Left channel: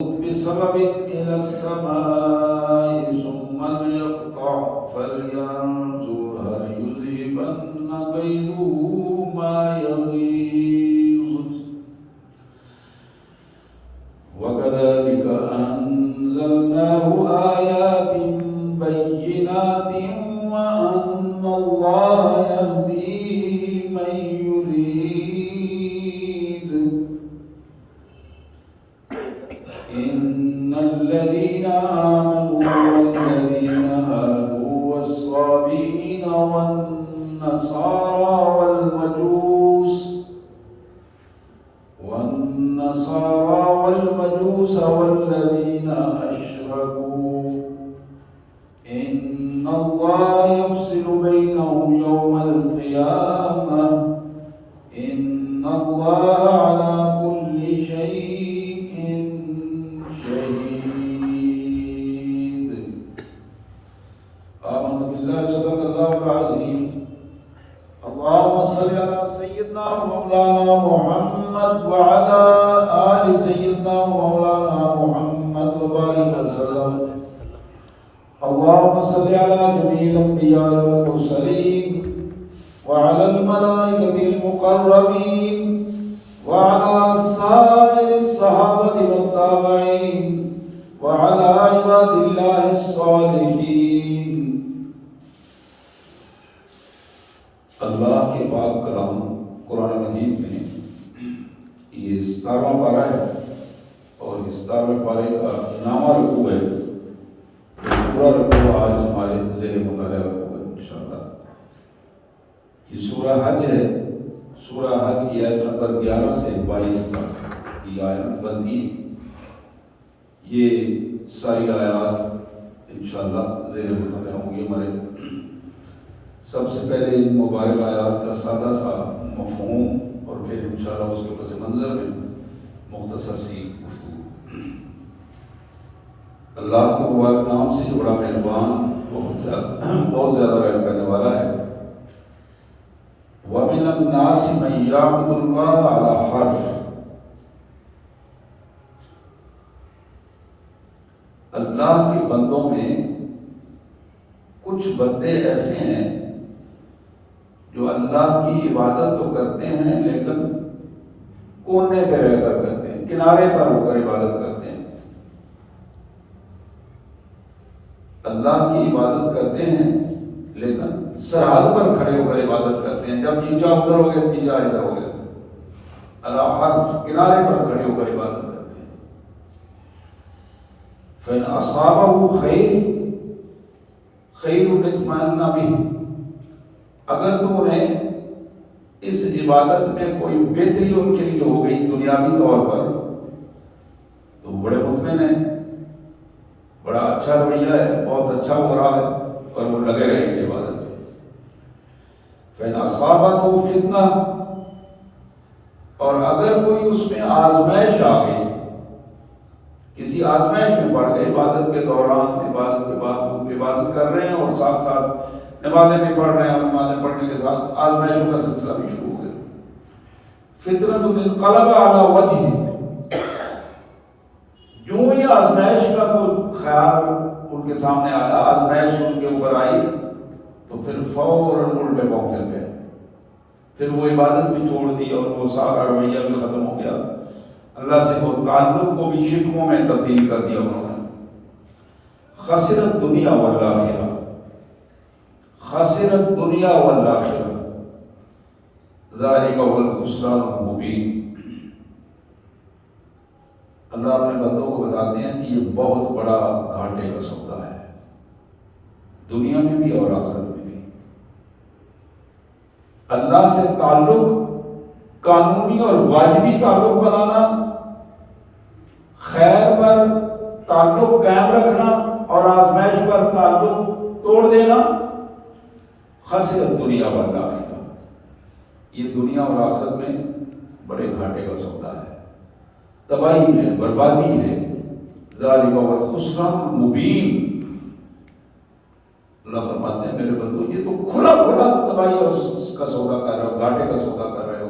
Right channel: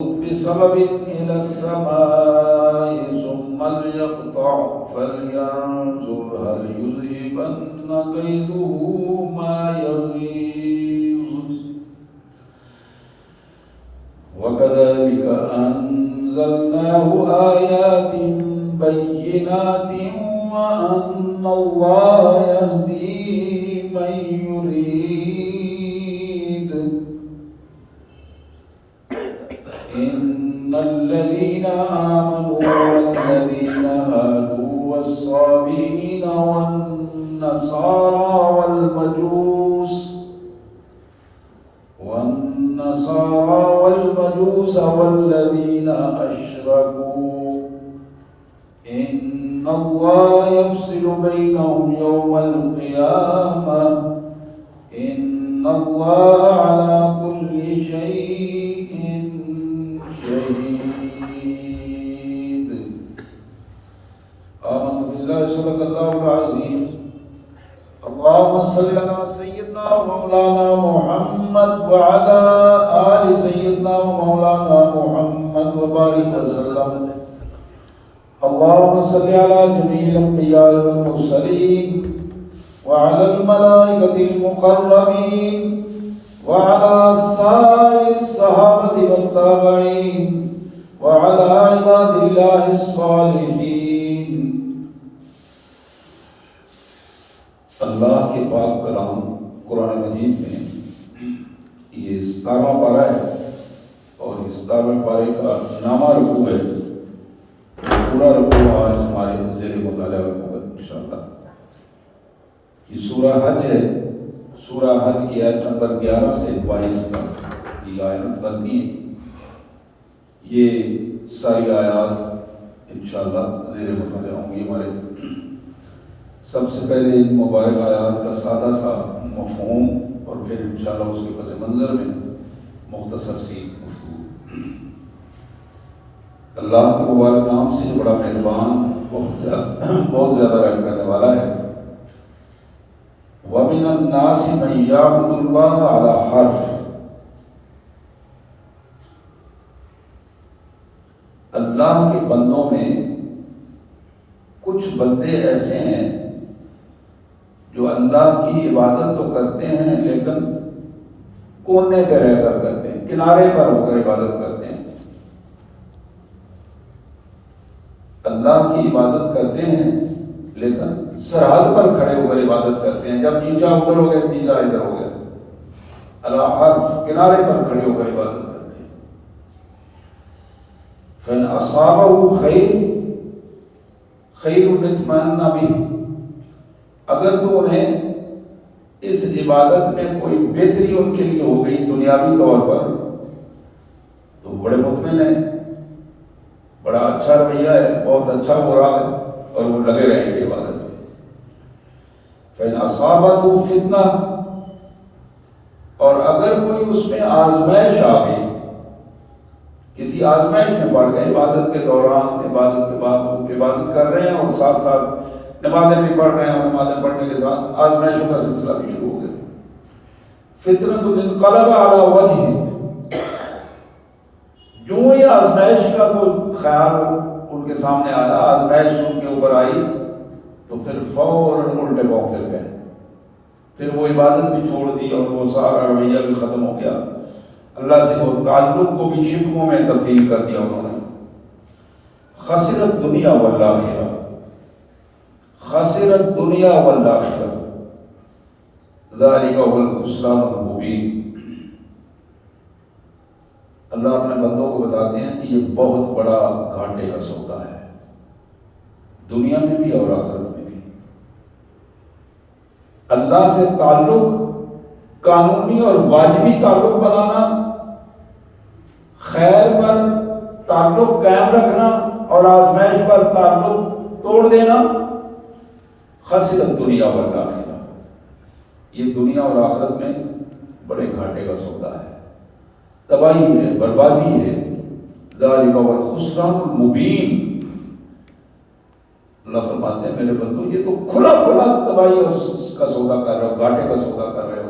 بسبب إلى السماء ثم ليقطع فلينظر هل يذهبن كيده ما يغيظ وكذلك أنزلناه آيات بينات وأن الله يهدي من يريد إن الذين آمنوا والذين هادوا والصابئين والنصارى والمجوس والذين أشركوا إن الله يفصل بينهم يوم القيامة إن الله على كل شيء شهيد. آمنت بالله صدق الله العظيم. اللهم صل على سيدنا ومولانا محمد وعلى آل سيدنا ومولانا محمد وبارك وسلم. اللهم صل على جميع الأنبياء والمرسلين وعلى الملائكة المقربين وعلى سائر الصحابة والتابعين وعلى عباد الله الصالحين. اللہ کے پاک کلام قرآن مجید میں یہ 17واں پارہ ہے اور 17ویں پارے کا نامہ رکوع ہے. پورا رکوع آج ہمارے زیر مطالعہ ہوگا انشاءاللہ. یہ سورہ حج ہے. سورہ حج کی آیت نمبر 11 سے 22 تک کی آیت بنتی ہے. یہ ساری آیات انشاءاللہ زیر مطالعہ ہوں گی ہمارے. سب سے پہلے ان مبارک آیات کا سادہ سا مفہوم اور پھر انشاءاللہ اس کے پس منظر میں مختصر سی گفتگو. اللہ کے مبارک نام سے بڑا مہربان بہت زیادہ رحم کرنے والا ہے. وَمِنَ النَّاسِ مَن يَعْبُدُ اللَّهَ عَلَى حَرْفٍ. اللہ کے بندوں میں کچھ بندے ایسے ہیں جو اللہ کی عبادت تو کرتے ہیں لیکن کونے پہ رہ کر کرتے ہیں, کنارے پر ہو کر عبادت کرتے ہیں. اللہ کی عبادت کرتے ہیں لیکن سرحد پر کھڑے ہو کر عبادت کرتے ہیں. جب جی جا ادھر ہو گئے, جی جا ادھر ہو گئے, اللہ حرف کنارے پر کھڑے ہو کر عبادت کرتے ہیں. فَإِنْ أَصَابَهُ خَيْرٌ اطْمَأَنَّ بِهِ. اگر تو انہیں اس عبادت میں کوئی بہتری ان کے لیے ہو گئی دنیاوی طور پر تو وہ بڑے مطمئن ہیں, بڑا اچھا رویہ ہے, بہت اچھا ہو رہا ہے اور وہ لگے رہیں گے عبادت. فَإِنْ أَصَابَتْهُ فِتْنَةٌ. اور اگر کوئی اس میں آزمائش آ گئی, کسی آزمائش میں پڑ گئے, عبادت کے دوران, عبادت کے بعد وہ عبادت کر رہے ہیں اور ساتھ ساتھ نمازیں بھی پڑھ رہے ہیں اور نمازیں پڑھنے کے ساتھ آزمائشوں کا سلسلہ بھی شروع ہو گیا. فِتْنَةٌ انقلب علی وجہ. جو یہ آزمائش کا کوئی خیال ان کے سامنے آیا, آزمائش ان کے اوپر آئی تو پھر فوراً الٹے پاؤں پھر گئے. پھر وہ عبادت بھی چھوڑ دی اور وہ سارا رویہ بھی ختم ہو گیا. اللہ سے وہ تعلق کو بھی شکموں میں تبدیل کر دیا انہوں نے. خسرت دنیا والآخرہ. خسرت دنیا والآخرہ ذالک هو الخسران المبین. اللہ اپنے بندوں کو بتاتے ہیں کہ یہ بہت بڑا گھاٹے کا سودا ہے, دنیا میں بھی اور آخرت میں بھی. اللہ سے تعلق, قانونی اور واجبی تعلق بنانا, خیر پر تعلق قائم رکھنا اور آزمائش پر تعلق توڑ دینا, خسرت دنیا والآخرہ. یہ دنیا اور آخرت میں بڑے گھاٹے کا سودا ہے, تباہی ہے, بربادی ہے. ذالک هو الخسران المبین. اللہ فرماتے ہیں میرے بندو یہ تو کھلا کھلا تباہی کا سودا کر رہے ہو, گھاٹے کا سودا کر رہے ہو.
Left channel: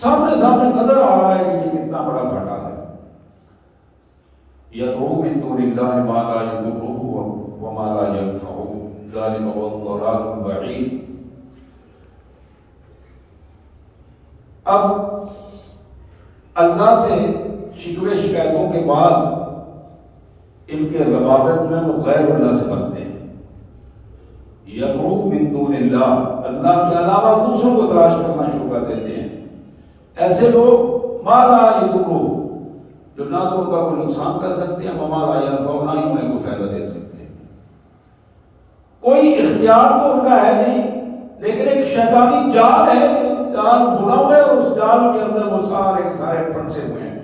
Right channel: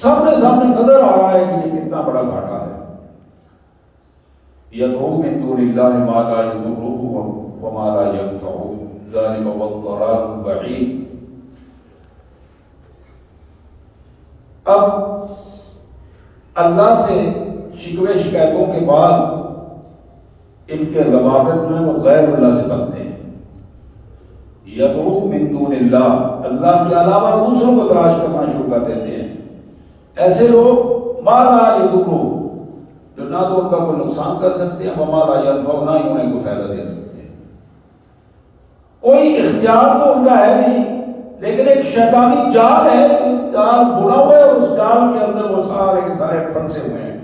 سامنے نظر آ رہا ہے کہ یہ کتنا بڑا گھاٹا ہے. یدعو من دون اللہ ما لا یضرہ وما لا ینفعہ ذلک هو الضلال البعید۔ اب اللہ سے شکوے شکایتوں کے بعد ان کے روابط جو ہیں وہ غیر اللہ سے بنتے ہیں۔ یدعو من دون اللہ، اللہ کے علاوہ دوسروں کو تلاش کرنا شروع کر دیتے ہیں۔ ایسے لوگ ما لا یضرہ، جو نہ تو ان کا کوئی نقصان کر سکتے ہیں، وما لا ینفعہ، نہ ہی انہیں کوئی فائدہ دے سکتے ہیں۔ کوئی اختیار تو ان کا ہے نہیں، لیکن ایک شیطانی جال ہے، جال بنا ہوا ہے، اس جال کے اندر وہ سارے کے سارے پھنسے ہوئے ہیں۔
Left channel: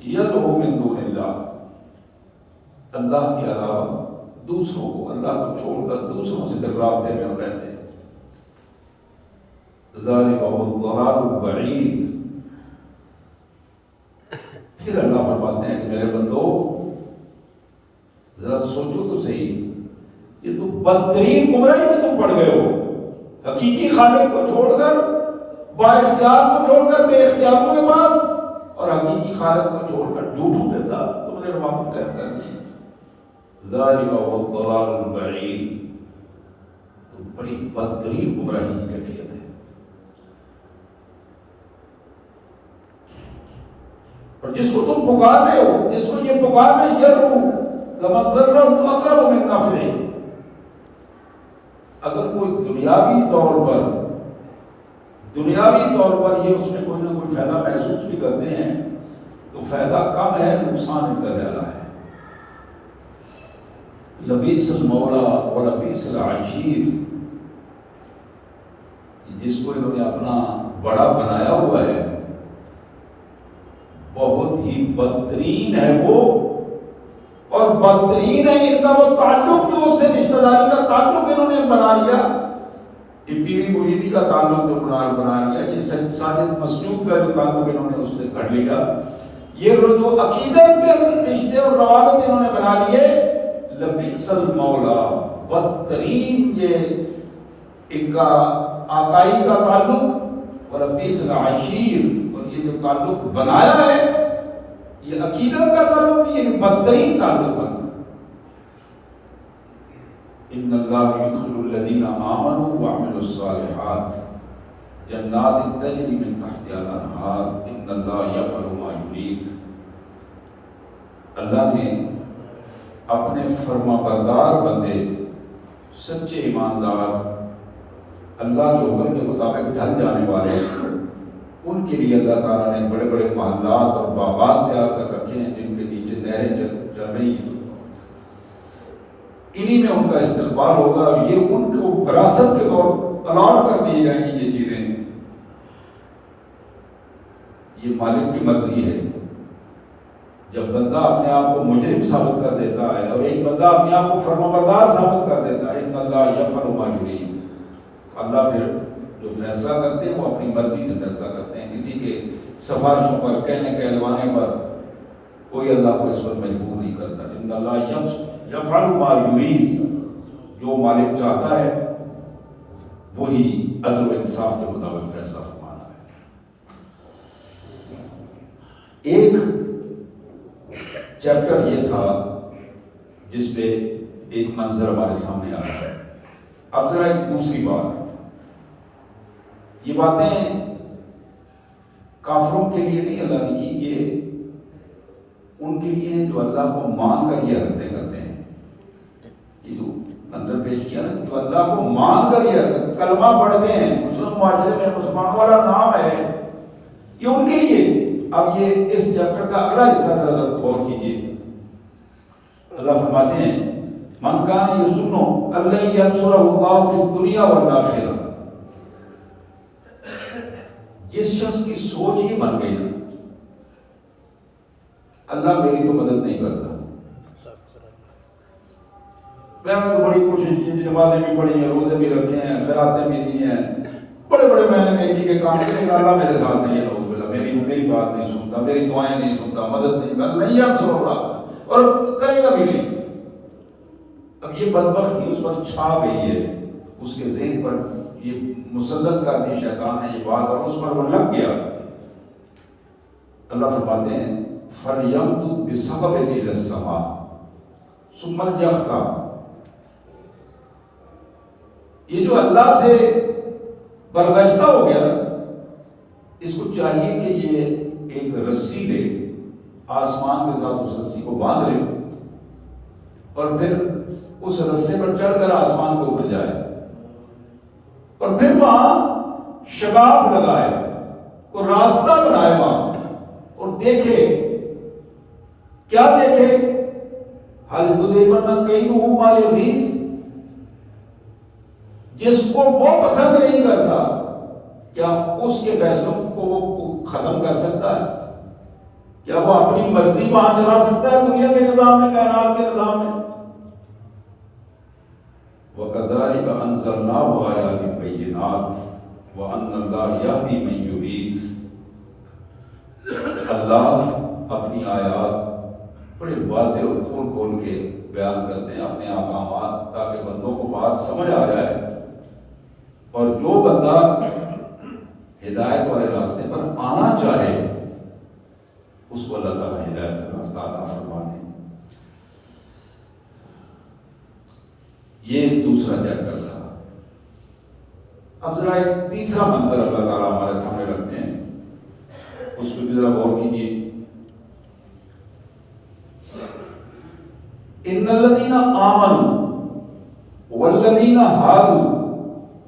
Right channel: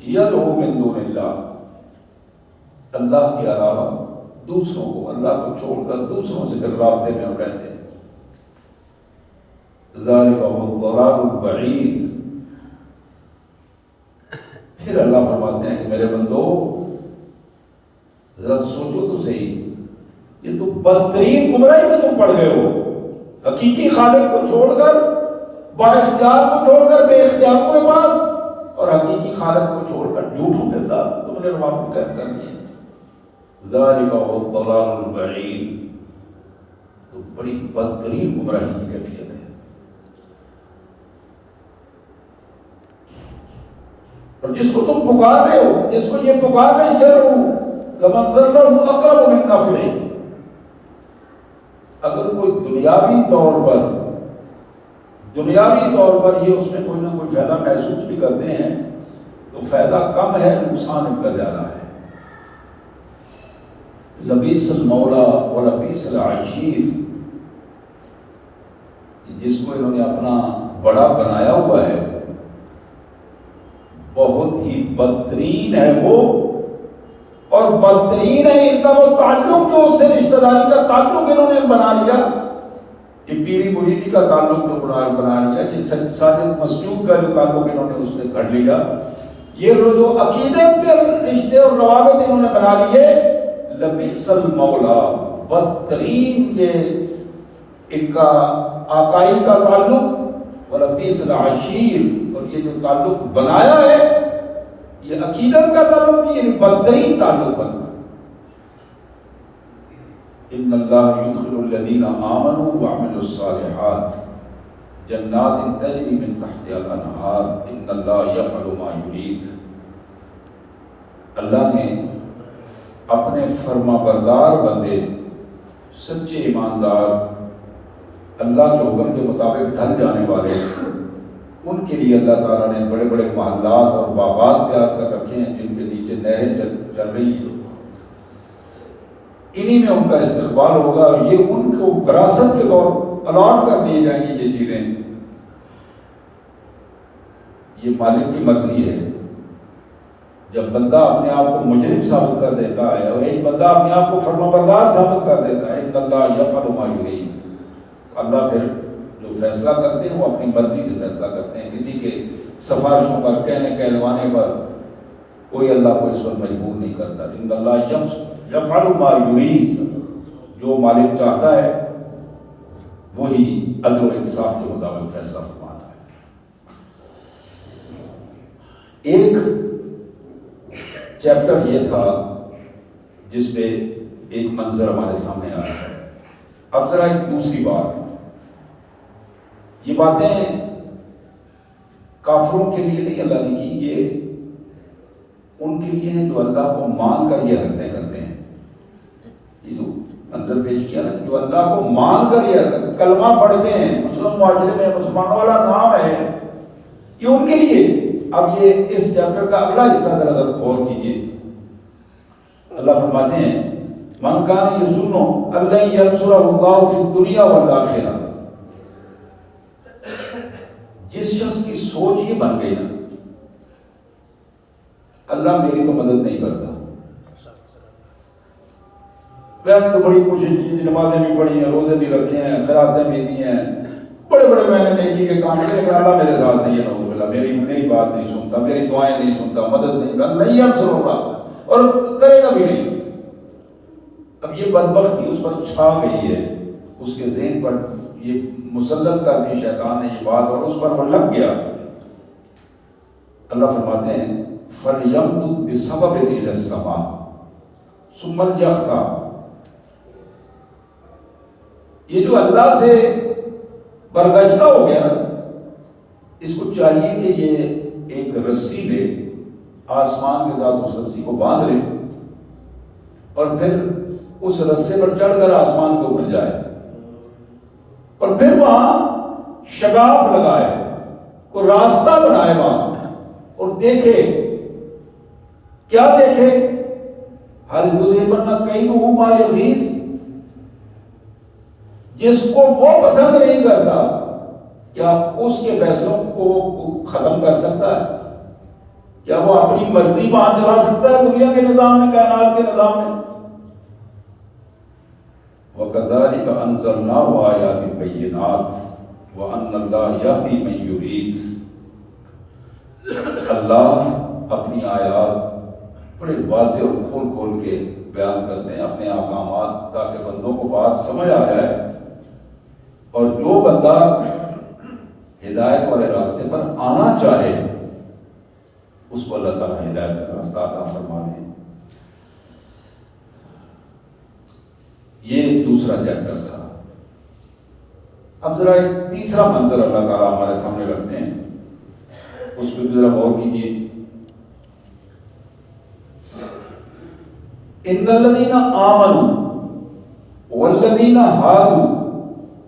یدعو من دون اللہ، اللہ کے علاوہ دوسروں کو، اللہ کو چھوڑ کر دوسروں سے پھر رابطے میں رہتے ہیں۔ ذالک هو الضلال البعید۔ پھر اللہ فرماتے ہیں کہ میرے بندو ذرا سوچو تو صحیح، یہ تو بدترین گمراہی میں تم پڑ گئے ہو۔ حقیقی خالق کو چھوڑ کر، با اختیار کو چھوڑ کر بے اختیاروں کے پاس، اور حقیقی خالق کو چھوڑ کر جھوٹوں کے ساتھ تم نے روابط قائم کر لی۔ ذالک هو الضلال البعید، تو بڑی بدترین گمراہی کی کیفیت ہے۔ اور جس کو تم پکار رہے ہو، جس کو یہ پکار رہے ہیں، یدعو لمن ضرہ اقرب من نفعہ، اگر کوئی دنیاوی طور پر یہ اس میں کوئی نہ کوئی فائدہ محسوس بھی کرتے ہیں، تو فائدہ کم ہے، نقصان ان کا زیادہ ہے۔ لبیس المولا و لبیس العشیر، جس کو انہوں نے اپنا بڑا بنایا ہوا ہے، بہت ہی بدترین ہے وہ، اور بدترین ہے ان کا وہ تعلق جو اس سے رشتہ داری کا تعلق انہوں نے بنا لیا، یہ پیری مریدی کا تعلق جو بنا لیا، یہ ساجد مسلوق کا جو تعلق انہوں نے اس سے کر لیا، یہ جو عقیدت کے رشتے اور روابط انہوں نے بنا لیے، لبیس المولا، بدترین یہ ان کا آقائی کا تعلق، ولبیس العشیر، اور یہ جو تعلق بنایا ہے یہ عقیدت کا تعلق نہیں، یعنی بدترین تعلق بنتا۔ ان اللہ یدخل الذین آمنوا وعملوا الصالحات جنات تجری من تحتها الانہار ان اللہ یفعل ما یرید۔ اللہ نے اپنے فرما بردار بندے، سچے ایماندار، اللہ کے حکم کے مطابق ڈھل جانے والے، ان کے لیے اللہ تعالیٰ نے بڑے بڑے محلات اور باغات تیار کر رکھے ہیں جن کے نیچے نہریں چل رہی ہیں، انہی میں ان کا استقبال ہوگا۔ یہ ان کو وراثت کے طور الاٹ کر دی جائیں گی یہ چیزیں، یہ مالک کی مرضی ہے۔ جب بندہ اپنے آپ کو مجرم ثابت کر دیتا ہے اور ایک بندہ اپنے آپ کو فرمانبردار ثابت کر دیتا ہے، ان اللہ یفعل ما یرید، اللہ پھر جو فیصلہ کرتے ہیں وہ اپنی مرضی سے فیصلہ کرتے ہیں، کسی کے سفارشوں پر، کہنے کہلوانے پر کوئی اللہ کو اس پر مجبور نہیں کرتا۔ ان اللہ یفعل ما یرید، جو مالک چاہتا ہے وہی عدل و انصاف کے مطابق فیصلہ فرماتا ہے۔ ایک چیپٹر یہ تھا جس پہ ایک منظر ہمارے سامنے آ رہا ہے۔ اب ذرا ایک دوسری بات، یہ باتیں کافروں کے لیے نہیں اللہ نے کی، یہ ان کے لیے ہیں جو اللہ کو مان کر یہ حرکتیں کرتے ہیں۔ یہ جو منظر پیش کیا نا، جو اللہ کو مان کر یہ کلمہ پڑھتے ہیں، مسلم معاشرے میں مسلمانوں والا نام ہے، یہ ان کے لیے۔ اب یہ اس چیپٹر کا اگلا حصہ ذرا غور کیجیے۔ اللہ فرماتے ہیں من کان یظن ان لن ینصرہ اللہ فی الدنیا والآخرہ، جس شخص کی سوچ یہ بن گئی نا اللہ میری تو مدد نہیں کرتا، میں نے تو بڑی کوشش کی، نمازیں بھی پڑھی ہیں، روزے بھی رکھے ہیں، خیراتیں بھی دی ہیں، بڑے بڑے میں نے نیکی کے کام کیے، لیکن اللہ میرے ساتھ نہیں ہے، نعوذ باللہ، میری بات نہیں سنتا، میری دعائیں نہیں سنتا، مدد نہیں کرتا، نہیں ینصرہ اللہ، اور کرے گا بھی نہیں۔ اب یہ بدبختی اس پر چھا گئی ہے، اس کے ذہن پر یہ مسلط کر دی شیطان نے یہ بات، اور اس پر وہ لگ گیا۔ اللہ فرماتے ہیں فَلْيَمْدُدْ بِسَبَبٍ إِلَى السَّمَاءِ ثُمَّ لْيَقْطَعْ. یہ جو اللہ سے برگشتہ ہو گیا، اس کو چاہیے کہ یہ ایک رسی لے، آسمان کے ساتھ اس رسی کو باندھ لے اور پھر اس رسے پر چڑھ کر آسمان کے اوپر جائے اور پھر وہاں شگاف لگائے، کوئی راستہ بنائے وہاں اور دیکھے. کیا دیکھے؟ حل یذہبن کیدہ ما یغیظ. جس کو وہ پسند نہیں کرتا کیا اس کے فیصلوں کو ختم کر سکتا ہے؟ کیا وہ اپنی مرضی وہاں چلا سکتا ہے دنیا کے نظام میں، کائنات کے نظام میں؟ وَكَذَلِكَ أَنزَلْنَاهُ آيَاتٍ بَيِّنَاتٍ وَأَنَّ اللَّهَ يَهْدِي مَن يُرِيدُ. اللہ اپنی آیات بڑے واضح اور کھول کھول کے بیان کرتے ہیں، اپنے احکامات، تاکہ بندوں کو بات سمجھ آ جائے اور جو بندہ ہدایت والے راستے پر آنا چاہے اس کو اللہ تعالیٰ ہدایت کا راستہ عطا فرمانے. یہ دوسرا چیپٹر تھا. اب ذرا ایک تیسرا منظر اللہ تعالیٰ ہمارے سامنے رکھتے ہیں، اس پہ بھی ذرا غور کیجیے. ان الذین آمنوا والذین ہادوا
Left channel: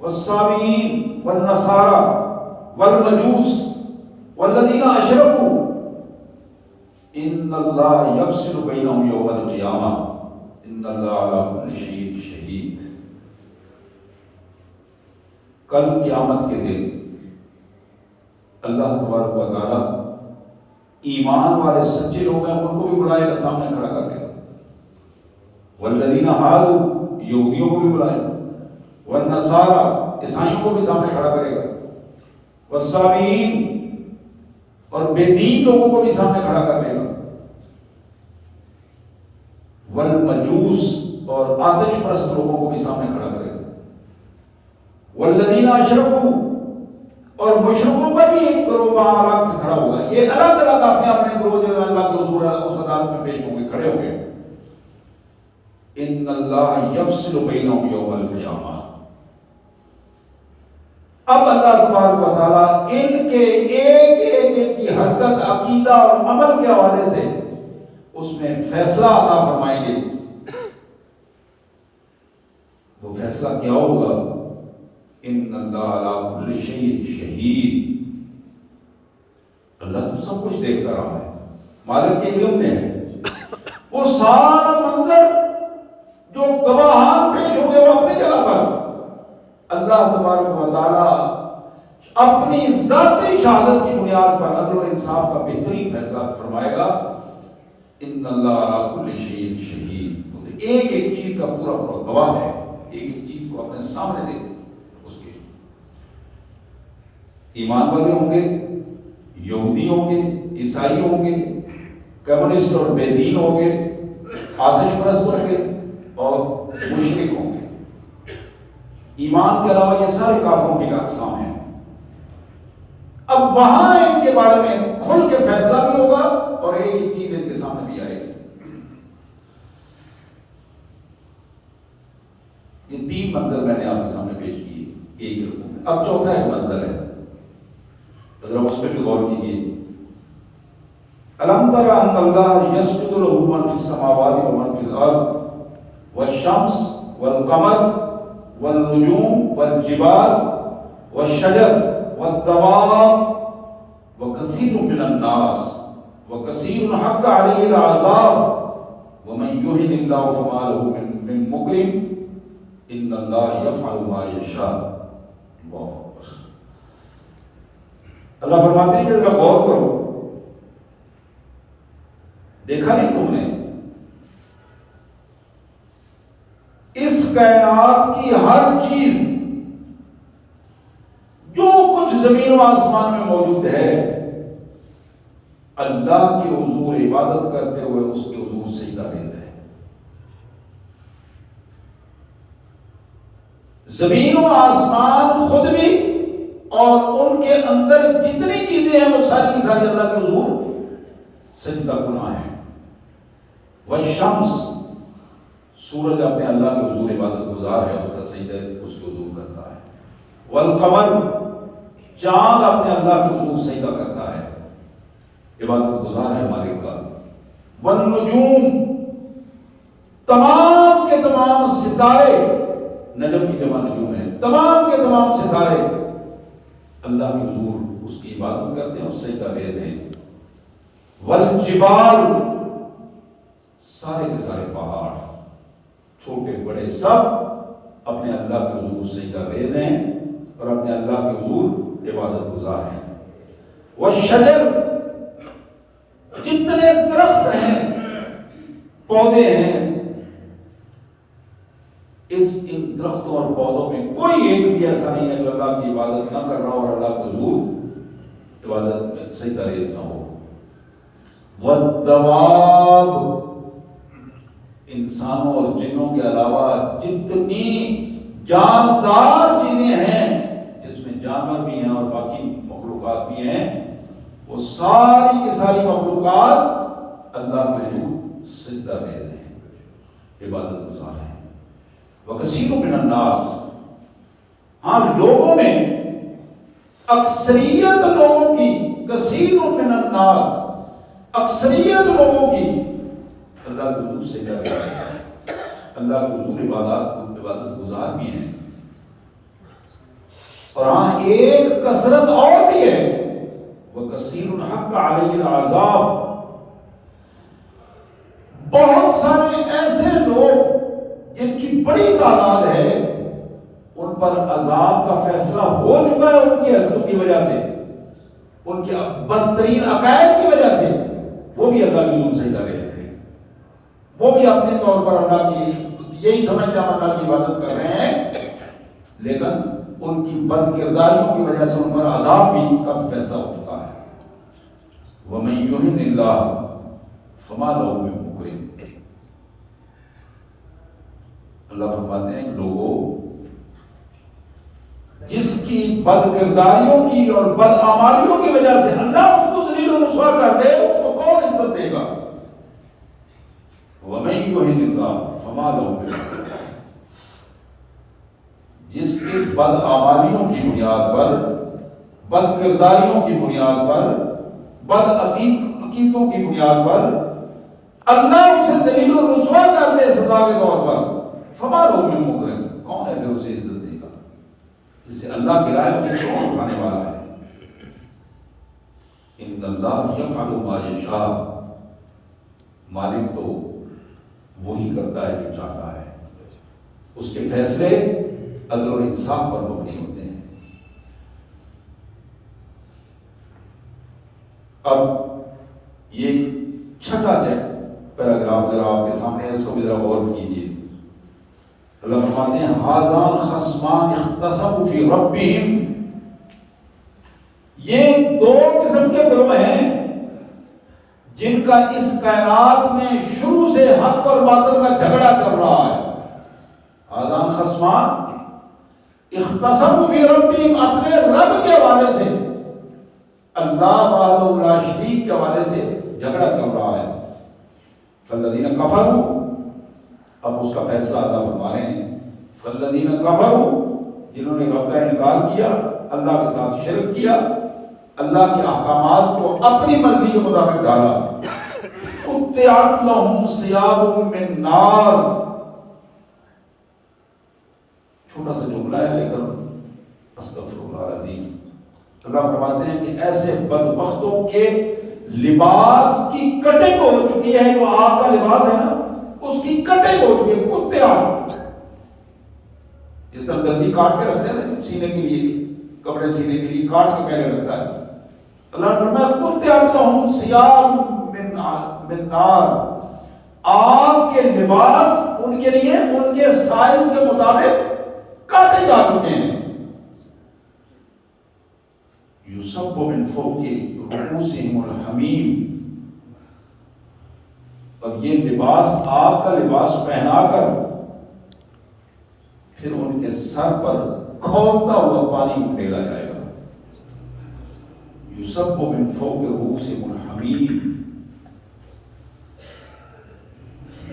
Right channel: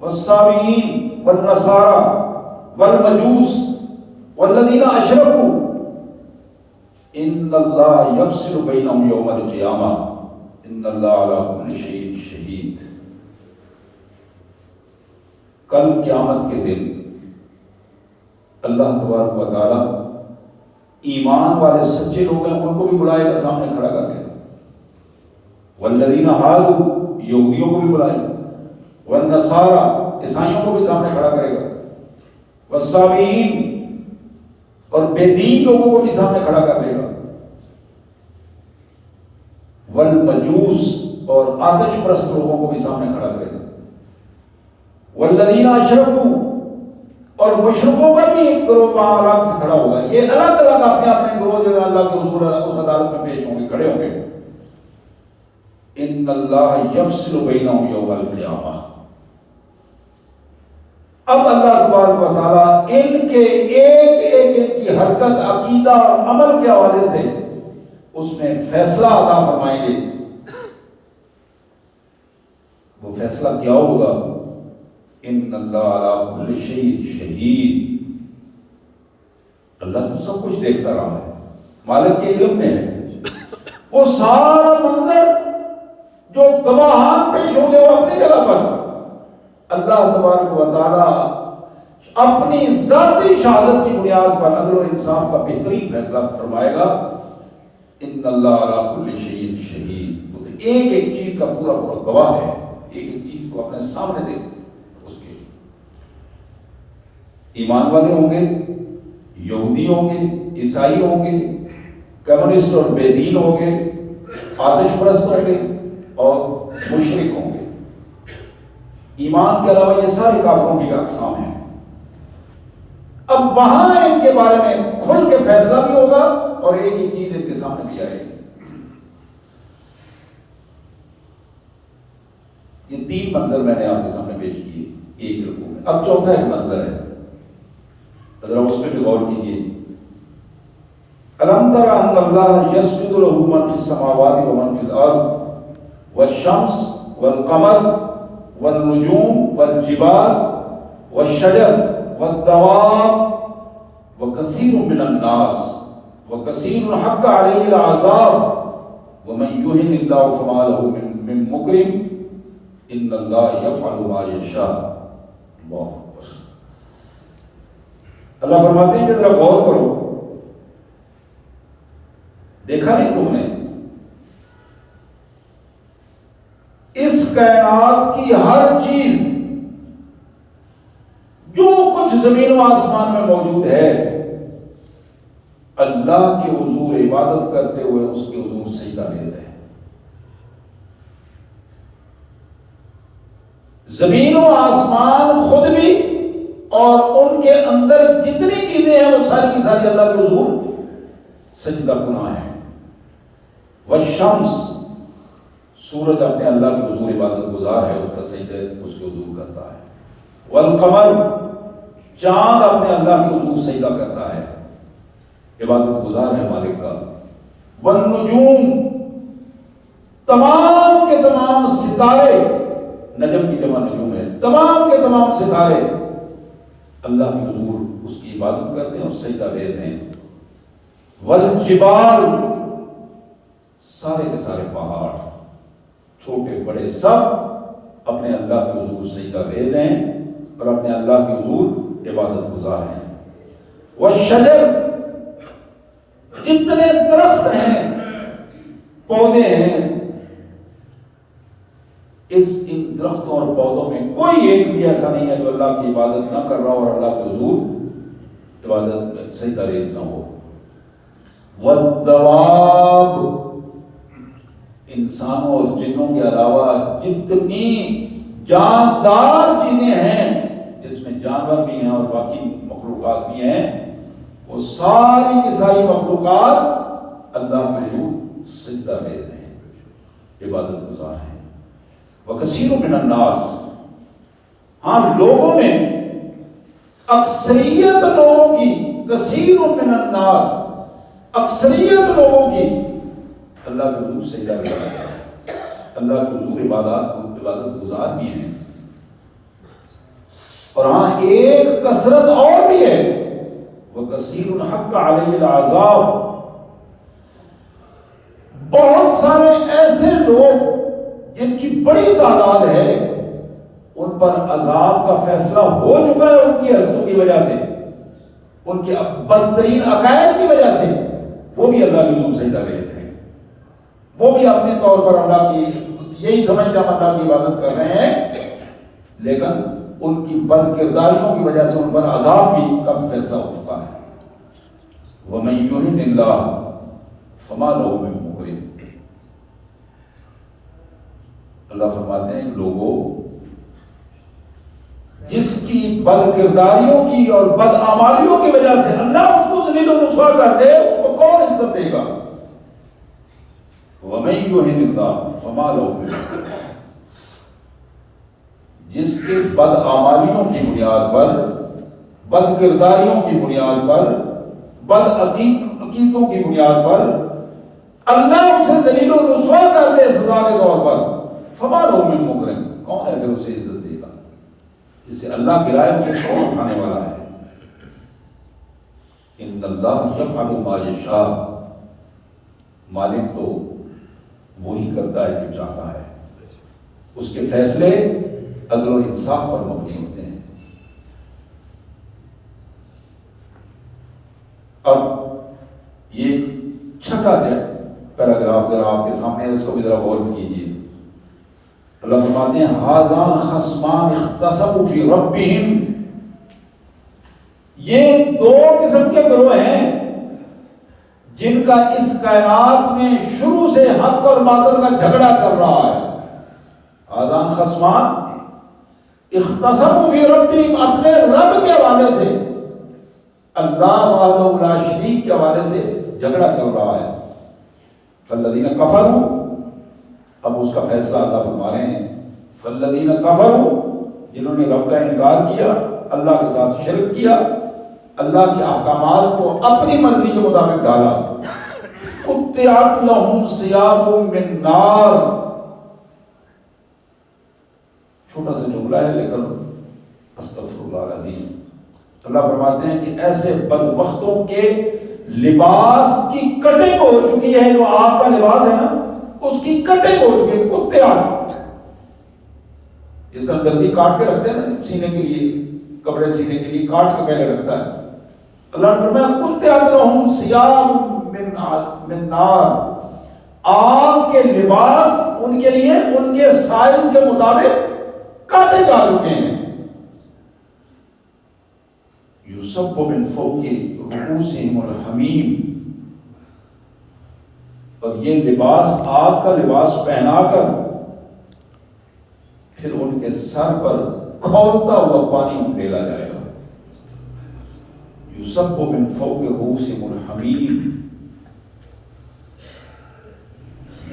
والصابئین والنصارى والمجوس والذین اشرکوا ان اللہ یفصل بینہم یوم القیامہ ان اللہ علی کل شیء شہید. کل قیامت کے دن اللہ تبارک و تعالی ایمان والے سچے لوگ ہیں ان کو بھی بلائے گا، سامنے کھڑا کر کے. والذین ہادوا یہودیوں کو بھی بلائے گا، والنصارى عیسائیوں کو بھی سامنے کھڑا کرے گا، والصابئین اور بے دین لوگوں کو بھی سامنے کھڑا کر لے گا، والمجوس اور آتش پرست لوگوں کو بھی سامنے کھڑا کرے گا، والذین اشرکوا اور مشرکوں کا بھی ایک گروہ وہاں الگ سے کھڑا ہوگا. یہ الگ الگ اپنے اپنے گروہ جو ہے اللہ کے حضور اس عدالت میں پیش ہوں گے، کھڑے ہوں گے. ان اللہ یفصل بینہم یوم القیامہ. اب اللہ تبارک و تعالیٰ ان کے ایک کی حرکت، عقیدہ اور عمل کے حوالے سے اس میں فیصلہ عطا فرمائیں گے. وہ فیصلہ کیا ہوگا؟ ان اللہ علی کل شیء شہید. اللہ تو سب کچھ دیکھتا رہا ہے، مالک کے علم میں ہے. وہ سارا منظر جو گواہان پیش ہوں گے وہ اپنی جگہ پر، اللہ تبارک و تعالی اپنی ذاتی شہادت کی بنیاد پر عدل و انصاف کا بہترین فیصلہ فرمائے گا. ان اللہ علی کل شیء شہید. ایک ایک چیز کا پورا پورا گواہ ہے، ایک ایک چیز کو اپنے سامنے دیکھ. اس کے ایمان والے ہوں گے، یہودی ہوں گے، عیسائی ہوں گے، کمیونسٹ اور بے دین ہوں گے، آتش پرست ہوں گے اور مشرک ہوں گے. ایمان کے علاوہ یہ سارے کافروں کی اقسام ہیں. اب وہاں ان کے بارے میں کھل کے فیصلہ بھی ہوگا اور ایک ایک چیز ان کے سامنے بھی آئے گی. یہ تین منظر میں نے آپ کے سامنے پیش کیے ایک رکوع میں. اب چوتھا ایک منظر ہے، ذرا اس پہ بھی غور کیجیے. الم تر ان اللہ یسجد له من فی السماوات ومن فی الارض والشمس والقمر والنجوم والجبال والشجر والدواب وكثير من الناس وكثير حق عليه العذاب ومن يهن الله فما له من مكرم ان الله يفعل ما يشاء. اللہ اکبر. اللہ فرماتے ہیں کہ ذرا غور کرو، دیکھا نہیں تم نے اس کائنات کی ہر چیز جو کچھ زمین و آسمان میں موجود ہے اللہ کے حضور عبادت کرتے ہوئے اس کے حضور سجدہ ریز ہے. زمین و آسمان خود بھی اور ان کے اندر جتنی چیزیں ہیں وہ ساری کی ساری اللہ کے حضور سجدہ گناہ ہے۔ والشمس، سورج اپنے اللہ کے حضور عبادت گزار ہے، اس کا سجدہ اس کے حضور کرتا ہے۔ والقمر، چاند اپنے اللہ کے حضور سجدہ کرتا ہے، عبادت گزار ہے مالک کا۔ والنجوم، تمام کے تمام ستارے، نجم کی جمع نجوم ہے، تمام کے تمام ستارے اللہ کے حضور اس کی عبادت کرتے ہیں اور سجدہ ریز ہیں۔ والجبال، سارے کے سارے پہاڑ، چھوٹے بڑے سب اپنے اللہ کے حضور سجدہ ریز ہیں اور اپنے اللہ کے حضور عبادت گزار ہیں۔ والشجر، جتنے درخت ہیں، پودے ہیں، ان درختوں اور پودوں میں کوئی ایک بھی ایسا نہیں ہے جو اللہ کی عبادت نہ کر رہا اور اللہ کے حضور عبادت میں سجدہ ریز نہ ہو۔ والدواب، انسانوں اور جنوں کے علاوہ جتنی جاندار چیزیں ہیں، جس میں جانور بھی ہیں اور باقی مخلوقات بھی ہیں، وہ ساری کی ساری مخلوقات اللہ کے حضور سجدہ ریز ہیں، عبادت گزار ہیں۔ وَكَثِيرٌ مِّنَ النَّاسِ، ہاں لوگوں میں اکثریت لوگوں کی، کثیر من الناس، اکثریت لوگوں کی اللہ کے حضور سجدہ ریز ہے، اللہ کے حضور عبادت گزار بھی ہیں۔ اور ہاں ایک کثرت اور بھی ہے، وَكَثِيرٌ حَقَّ عَلَيْهِ الْعَذَابُ، بہت سارے ایسے لوگ جن کی بڑی تعداد ہے، ان پر عذاب کا فیصلہ ہو چکا ہے ان کی حرکتوں کی وجہ سے، ان کے بدترین عقائد کی وجہ سے، وہ بھی اللہ کے حضور سجدہ ریز ہیں، وہ بھی اپنے طور پر اللہ کی یہی سمجھتے ہیں اللہ کی عبادت کر رہے ہیں، لیکن ان کی بد کرداریوں کی وجہ سے ان پر عذاب بھی کا فیصلہ ہو چکا ہے۔ وَمَن يُهِنِ اللَّهُ فَمَا لَهُ مِن مُكْرِمٍ، اللہ فرماتے ہیں لوگوں، جس کی بد کرداریوں کی اور بد اعمالیوں کی وجہ سے اللہ اس کو ذلیل و رسوا کر دے، اس کو کون عزت دے گا؟ وَمَن يُهِنِ اللَّهُ فَمَا لَهُ مِن مُكْرِمٍ، جس کی بد اعمالیوں کی بنیاد پر، بد کرداریوں کی بنیاد پر، بد عقیدتوں کی بنیاد پر اللہ اسے ذلیل و رسوا کر دے سزا کے طور پر، فما لہو من مکرم، کون ہے پھر اسے عزت دے گا؟ جسے اللہ گرائے اسے کون اٹھانے والا ہے؟ ان اللہ یفعل ما یشاء، مالک تو وہی کرتا ہے جو چاہتا ہے، اس کے فیصلے عدل و انصاف پر مبنی ہوتے ہیں۔ اب یہ چھٹا پیراگراف ذرا آپ کے سامنے ہے، اس کو بھی ذرا غور کیجیے۔ اللہ فرماتے ہیں ھذان خصمان اختصموا فی ربہم، یہ دو قسم کے گروہ ہیں جن کا اس کائنات میں شروع سے حق اور باطل کا جھگڑا چل رہا ہے۔ ھذان خصمان اختصموا فی ربہم، اپنے رب کے حوالے سے، اللہ وحدہ لا شریک کے حوالے سے جھگڑا چل رہا ہے۔ فالذین کفروا، اب اس کا فیصلہ اللہ فرما رہے ہیں، فالذین کفروا، جنہوں نے رب کا انکار کیا، اللہ کے ساتھ شرک کیا، اللہ کے احکامات کو اپنی مرضی کے مطابق ڈالا، قطعت لہم ثیاب من نار، چھوٹا سا جملہ ہے لیکن استغفر اللہ العظیم، اللہ فرماتے ہیں کہ ایسے بدبختوں کے لباس کی کٹنگ ہو چکی ہے، جو آگ کا لباس ہے نا اس کی کٹنگ ہو چکی ہے، کتے آگ، جس طرح درزی کاٹ کے رکھتے ہیں نا سینے کے لیے، کپڑے سینے کے لیے کاٹ کے پہلے رکھتا ہے، اللہ نے فرمایا قطعت لہم ثیاب من نار، آگ کے لباس ان کے لیے ان کے سائز کے مطابق کاٹے جا چکے ہیں۔ یصب من فوق رؤوسہم الحمیم، اور یہ لباس آگ کا لباس پہنا کر پھر ان کے سر پر کھولتا ہوا پانی ڈالا جائے گا۔ یصب من فوق رؤوسہم الحمیم،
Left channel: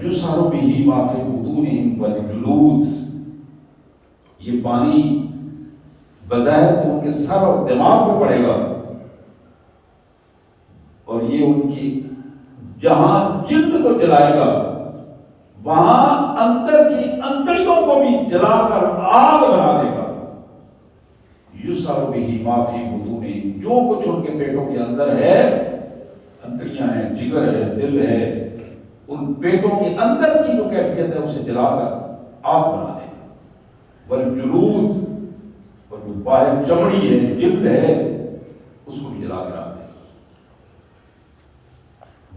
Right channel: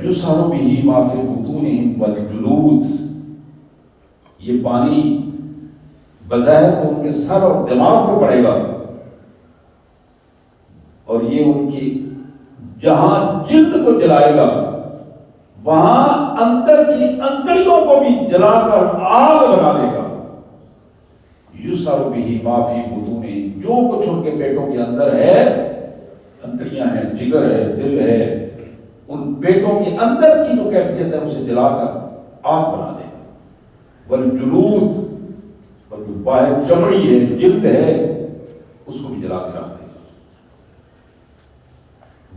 یسحر بہ ما فی بطونہم والجلود، یہ پانی بظاہر تو ان کے سر اور دماغ پہ پڑے گا، اور یہ ان کی جہاں جلد کو جلائے گا وہاں اندر کی انتڑیوں کو بھی جلا کر آگ بنا دے گا۔ یسحر بہ ما فی بطونہم، جو کچھ ان کے پیٹوں کے اندر ہے، انتڑیاں ہیں، جگر ہے، دل ہے، ان پیٹوں کے اندر کی جو کیفیت ہے اسے جلا کر آگ بنا دے گا۔ والجلود، اور جو باہر چمڑی ہے، جلد ہے، اس کو بھی جلا کے رکھ دے گا۔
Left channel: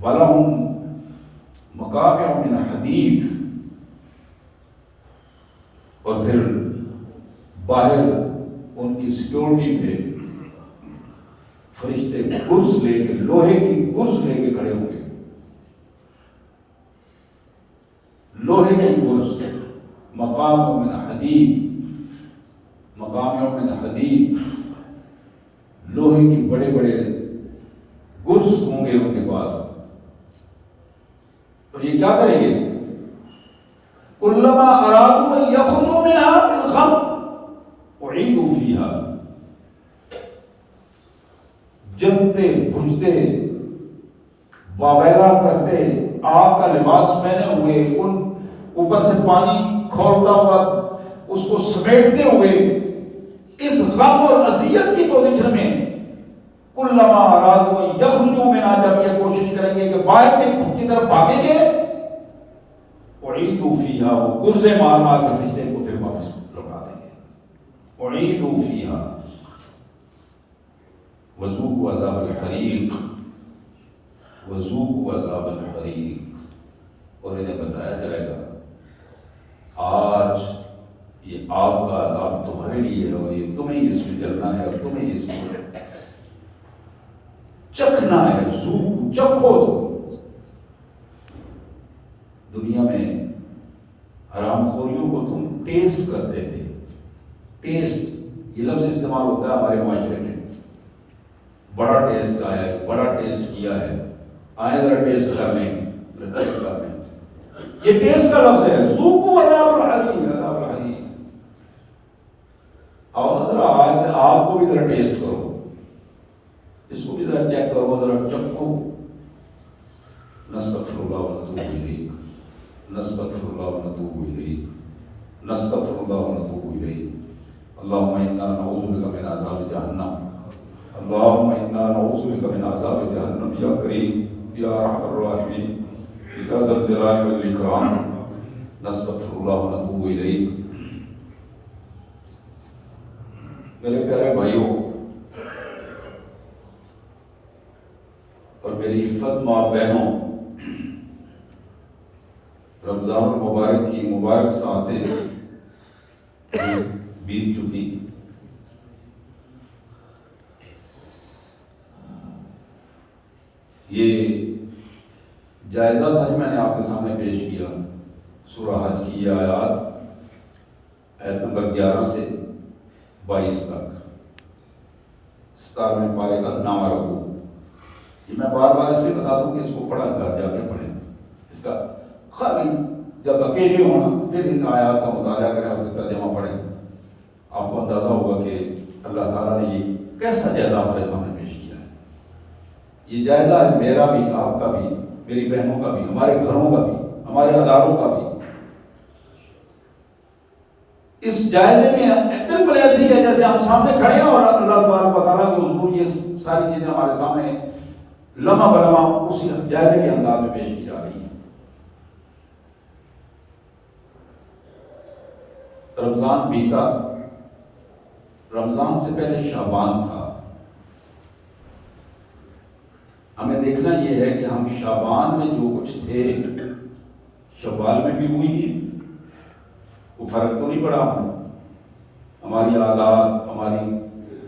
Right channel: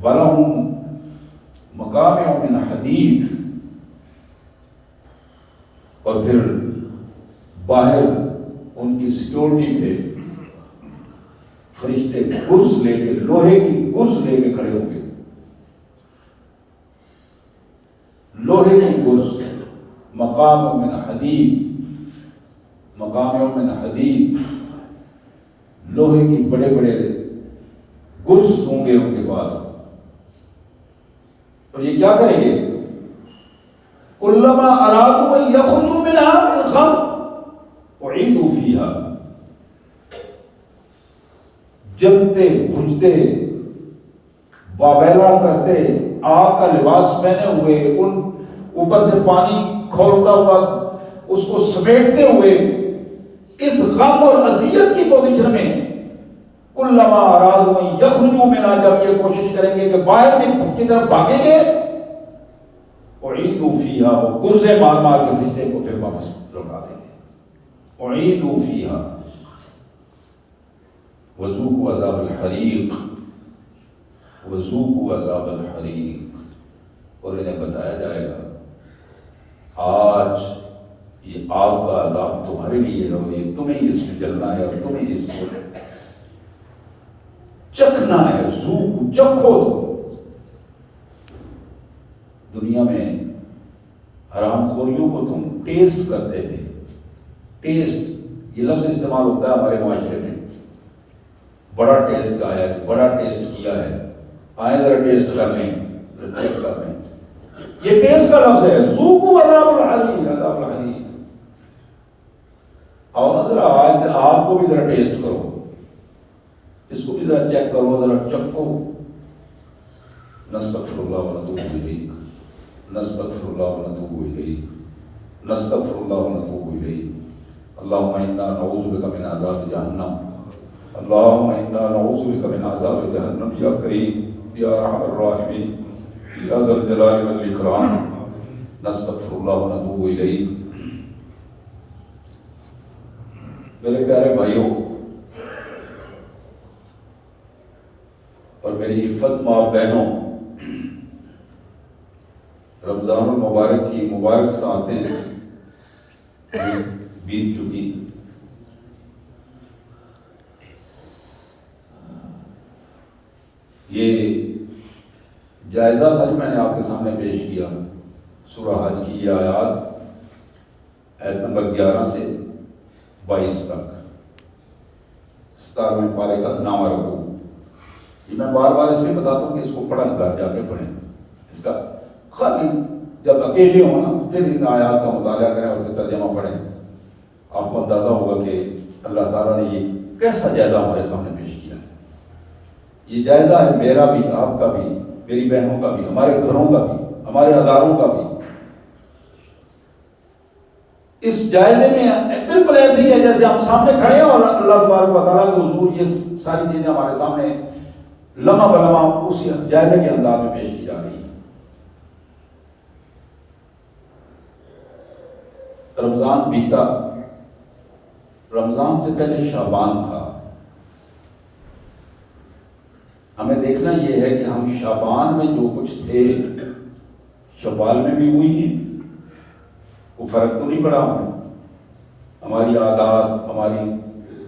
وَلَهُمْ مَقَامِعُ مِنْ حَدِيدٍ، اور پھر باہر ان کی سیکورٹی پہ فرشتے گرز لے کے، لوہے کی گرز لے کے کھڑے ہوں گے، لوہے کی گرز، مقام من حدید، مقام من حدید، لوہے کی بڑے بڑے گرز ہوں گے ان کے پاس، اور یہ کیا کریں گے؟ کلما ارادوا ان یخرجوا منها من غم اعیدوا فیہا، جلتے بجھتے واویلا کرتے آگ کا لباس پہنے ہوئے، ان اوپر سے پانی کھولتا ہوا اس کو سمیٹتے ہوئے اس غم اور اذیت کی پوزیشن میں، کلما ارادوا ان یخرجوا منها، جب یہ کوشش کریں گے کہ باہر کی طرف بھاگیں گے، اعیدوا فیہا، وہ گرزے مار مار کے فرشتے کو پھر واپس لوٹا دیں گے۔ اعیدوا فیہا وذوقوا عذاب الحریق، وذوقوا عذاب الحریق، اور انہیں بتایا جائے گا آج یہ آگ کا عذاب تمہارے لیے ہے، اور یہ تمہیں اس میں جلنا ہے، اور تمہیں اس کو چکھنا ہے۔ ذوقوا، چکھو۔ دنیا میں حرام خوریوں کو تم ٹیسٹ کرتے تھے، ٹیسٹ، یہ لفظ استعمال ہوتا ہے ہمارے معاشرے میں، بڑا ٹیسٹ آیا ہے، بڑا ٹیسٹ کیا ہے، آئے ذرا ٹیسٹ کر لیں، چیک کر لیں، یہ ٹیسٹ کا لفظ ہے۔ ذوقوا عذاب الحریق، عذاب الحریق، اور ذرا آج آپ کو بھی ذرا ٹیسٹ کرو، اس کو بھی ذرا چیک کرو، ذرا چکھو۔ نستغفر اللہ ونتوب الیہ، نستغفر اللہ ونتوب الیہ، نستغفر اللہ ونتوب الیہ۔ اللہم انا نعوذ بک من عذاب جہنم، اللہم انا نعوذ بک من عذاب جہنم، یا کریم یا ارحم الراحمین یا ذا الجلال والاکرام، نستغفر اللہ ونتوب الیہ۔ میرے پیارے بھائیوں اور میری عفت ماں بہنوں، رمضان المبارک کی مبارک ساعتیں بیت چکی، یہ جائزہ تھا جو میں نے آپ کے سامنے پیش کیا، سورہ حج کی یہ آیات، آیت نمبر 11 سے 22 تک، 17ویں پارے کا نام رکھو۔ یہ میں بار بار اس لیے بتاتا ہوں کہ اس کو پڑھا کر جا کے پڑھیں، اس کا خالی جب اکیلے ہونا تو پھر ان آیات کا مطالعہ کریں اور پھر ترجمہ پڑھیں، آپ کو اندازہ ہوگا کہ اللہ تعالیٰ نے یہ کیسا جائزہ ہمارے سامنے پیش کیا ہے۔ یہ جائزہ ہے میرا بھی، آپ کا بھی، میری بہنوں کا بھی، ہمارے گھروں کا بھی، ہمارے اداروں کا بھی۔ اس جائزے میں بالکل ایسے ہی ہے جیسے ہم سامنے کھڑے ہیں اور اللہ تبارک و تعالیٰ کے حضور یہ ساری چیزیں ہمارے سامنے لمحہ بلمحہ اسی جائزے کے انداز میں پیش کی جا رہی ہیں۔ رمضان بیتا، رمضان سے پہلے شعبان تھا۔ ہمیں دیکھنا یہ ہے کہ ہم شعبان میں جو کچھ تھے شوال میں بھی ہوئی ہے، کوئی فرق تو نہیں پڑا ہماری عادات، ہماری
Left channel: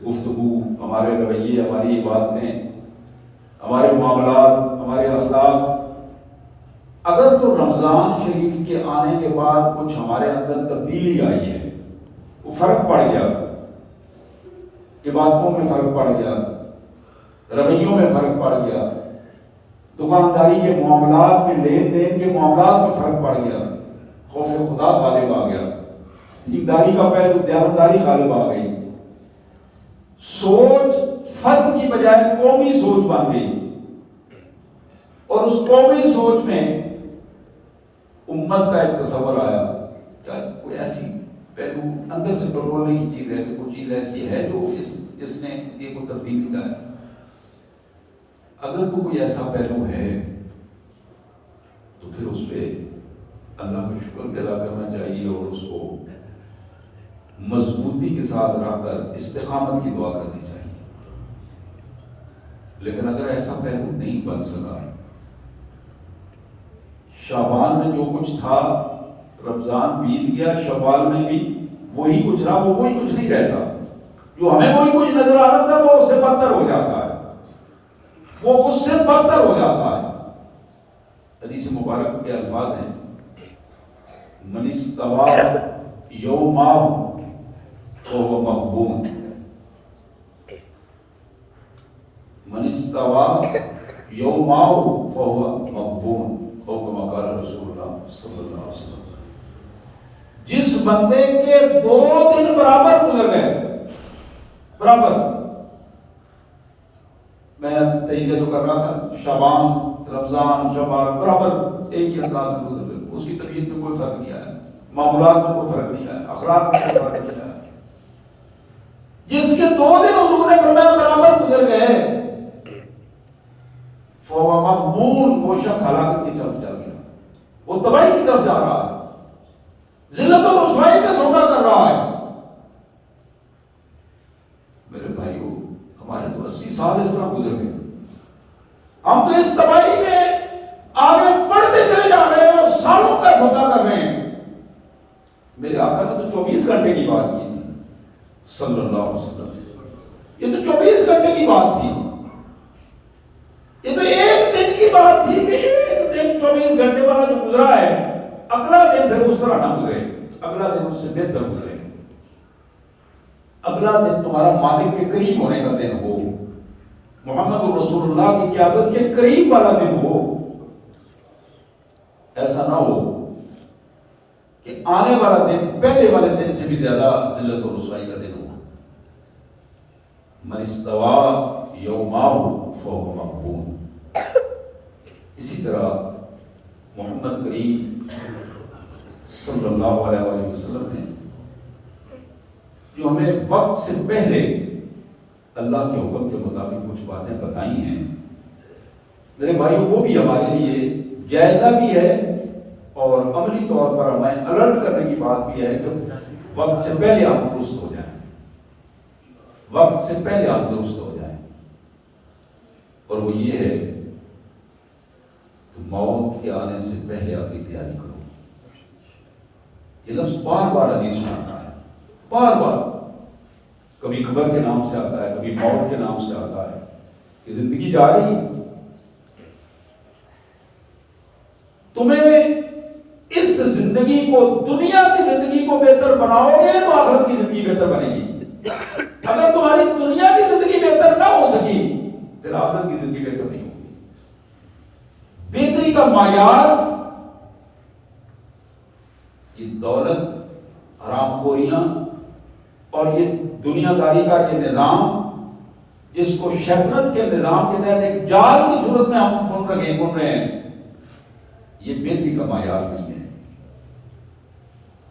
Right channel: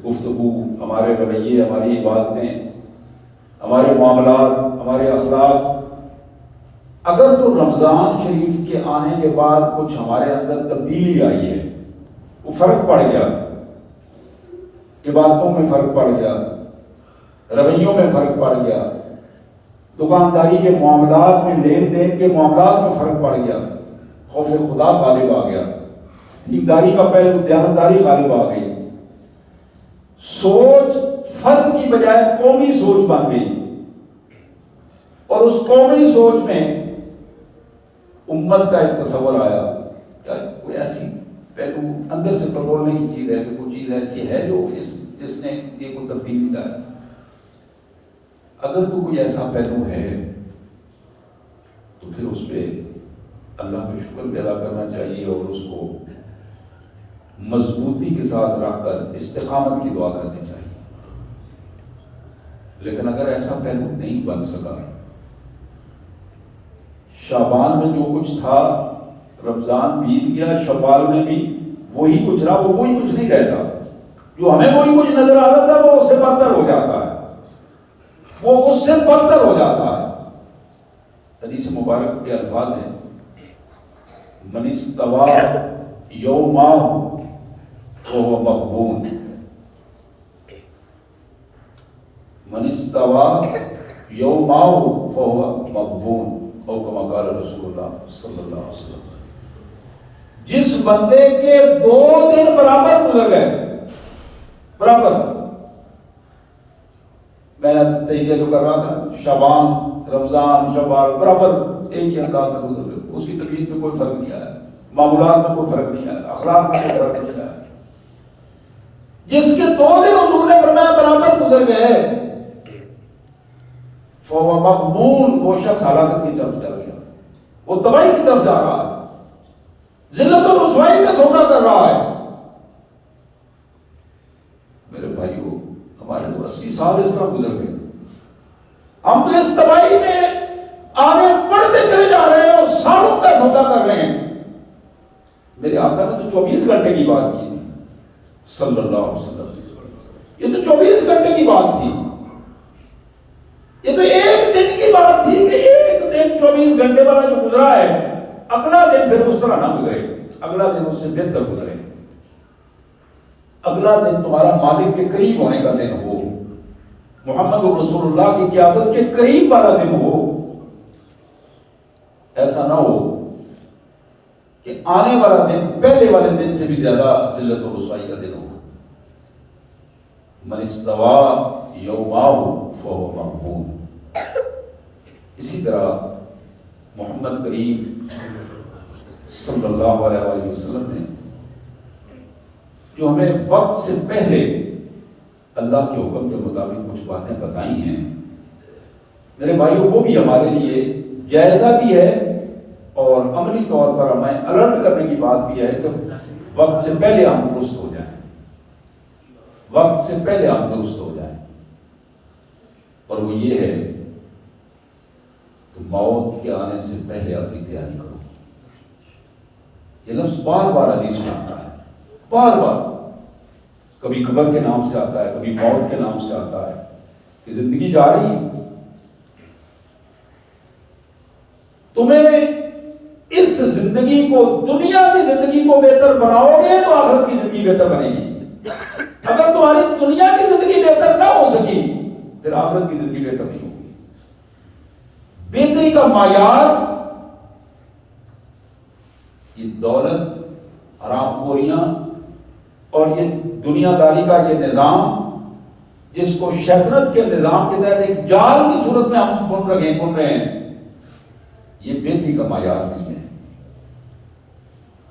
گفتگو، ہمارے رویے، ہماری عبادتیں، ہمارے معاملات، ہمارے اخلاق۔ اگر تو رمضان شریف کے آنے کے بعد کچھ ہمارے اندر تبدیلی آئی ہے، وہ فرق پڑ گیا، عبادتوں میں فرق پڑ گیا، رویوں میں فرق پڑ گیا، دکانداری کے معاملات میں، لین دین کے معاملات میں فرق پڑ گیا، خوف خدا غالب آ گیا، دینداری کا پہلو، دیانتداری غالب آ گئی، سوچ فرد کی بجائے قومی سوچ بن گئی، اور اس قومی سوچ میں امت کا ایک تصور آیا کہ کوئی ایسی پہلو اندر سے بدلنے کی چیز ہے کہ کوئی چیز ایسی ہے جو جس نے یہ کوئی تبدیلی لایا۔ اگر تو کوئی ایسا پہلو ہے تو پھر اس پہ اللہ کا شکر بھی ادا کرنا چاہیے اور اس کو مضبوطی کے ساتھ رکھ کر استقامت کی دعا کرنی چاہیے۔ لیکن اگر ایسا پہلو نہیں بن سکا، شعبان میں جو کچھ تھا رمضان بیت گیا، شوال میں بھی وہی کچھ رہا، وہ وہی کچھ نہیں رہتا، جو ہمیں وہی کچھ نظر آ رہا تھا وہ اس سے بدتر ہو جاتا ہے، وہ اس سے بدتر ہو جاتا ہے۔ حدیث مبارک کے الفاظ ہیں، من استوى یوما فهو مغبون، من استوى یوما فهو مغبون، او کما قال رسول اللہ صلی اللہ علیہ وسلم۔ جس بندے کے 2 دن برابر گزر گئے، برابر، میں تجزیہ جو کر رہا تھا، شعبان، رمضان، شوال برابر ایک ہی انداز میں گزر گئے، اس کی طبیعت میں کوئی فرق نہیں آیا، معمولات میں کوئی فرق نہیں آیا، اخلاق میں کوئی فرق نہیں آیا۔ جس کے 2 دن حضور نے فرمایا برابر گزر گئے، فهو مغبون، وہ شخص ہلاکت کی طرف چل گیا، وہ تباہی کی طرف جا رہا ہے، ذلت و رسوائی کا سودا کر رہا ہے۔ میرے بھائیو، ہمارے تو 80 سال اس طرح گزر گئے، ہم تو اس تباہی میں آگے بڑھتے چلے جا رہے ہیں اور سالوں کا سودا کر رہے ہیں۔ میرے آقا نے تو 24 گھنٹے کی بات کی تھی صلی اللہ علیہ وسلم، یہ تو 24 گھنٹے کی بات تھی، یہ تو ایک دن کی بات تھی کہ ایک دن 24 گھنٹے والا جو گزرا ہے، اگلا دن پھر اس طرح نہ گزرے، اگلا دن اس سے بہتر گزرے، اگلا دن تمہارا مالک کے قریب ہونے کا دن ہو، محمد رسول اللہ کی قیادت کے قریب والا دن ہو۔ ایسا نہ ہو کہ آنے والا دن پہلے والے دن سے بھی زیادہ ذلت و رسوائی کا دن ہو۔ من استوى یوما فهو مغبون۔ اسی طرح محمد کریم صلی اللہ علیہ وسلم نے جو ہمیں وقت سے پہلے اللہ کے حکم کے مطابق کچھ باتیں بتائی ہیں، میرے بھائیوں، وہ بھی ہمارے لیے جائزہ بھی ہے اور عملی طور پر ہمیں الرٹ کرنے کی بات بھی ہے کہ وقت سے پہلے ہم درست ہو جائیں، وقت سے پہلے ہم درست ہو جائیں۔ اور وہ یہ ہے کہ موت کے آنے سے پہلے اپنی تیاری کرو۔ یہ لفظ بار بار حدیث میں آتا ہے، بار بار، کبھی قبر کے نام سے آتا ہے، کبھی موت کے نام سے آتا ہے کہ زندگی جا رہی ہے، تمہیں اس زندگی کو، دنیا کی زندگی کو بہتر بناؤ گے تو آخرت کی زندگی بہتر بنے گی۔ اگر تمہاری دنیا کی زندگی بہتر نہ ہو سکی پھر آخرت کی زندگی بہتر نہیں ہوگی۔ بہتری کا معیار یہ دولت، حرام خوریاں اور یہ دنیا داری کا یہ نظام جس کو شیطنت کے نظام کے تحت ایک جال کی صورت میں ہم بن رہے ہیں، یہ بہتری کا معیار نہیں ہے۔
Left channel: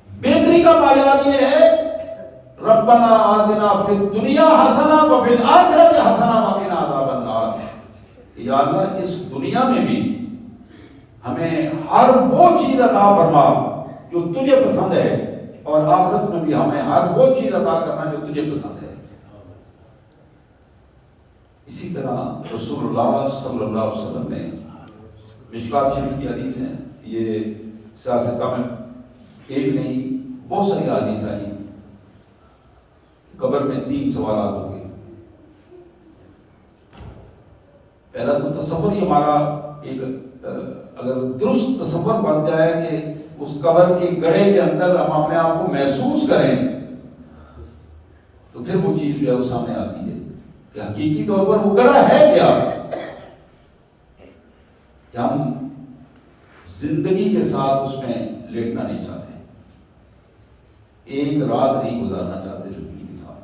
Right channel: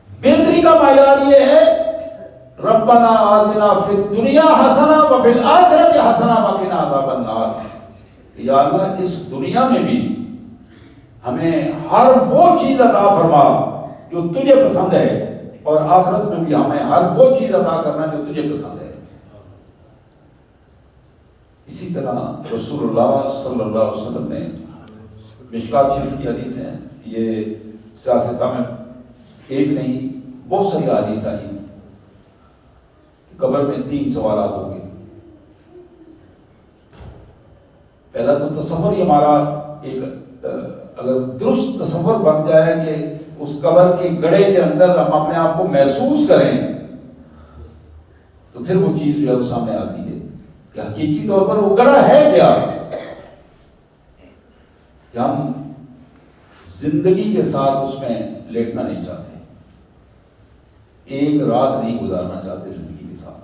بہتری کا معیار یہ ہے ربنا آتنا فی الدنیا حسنہ وفی الآخرۃ حسنہ وقنا عذاب النار۔ یا اللہ، اس دنیا میں بھی ہمیں ہر وہ چیز عطا فرما جو تجھے پسند ہے، اور آخرت میں بھی ہمیں ہر وہ چیز عطا کرنا جو تجھے پسند ہے۔ اسی طرح رسول اللہ صلی اللہ علیہ وسلم نے، مشکات شریف کی حدیث ہیں، یہ سیاستہ میں ایک نہیں بہت ساری حدیث آئی ہیں، قبر میں 3 سوالات ہوں گے۔ پہلا تو تصور ہی ہمارا ایک اگر درست تصور بن جائے کہ اس قبر کے گڑھے کے اندر ہم اپنے آپ کو محسوس کریں تو پھر وہ چیز جو ہے وہ سامنے آتی ہے کہ حقیقی طور پر وہ گڑھا ہے کیا۔ کہ ہم زندگی کے ساتھ اس میں لیٹنا نہیں چاہتے، ایک رات نہیں گزارنا چاہتے زندگی کے ساتھ۔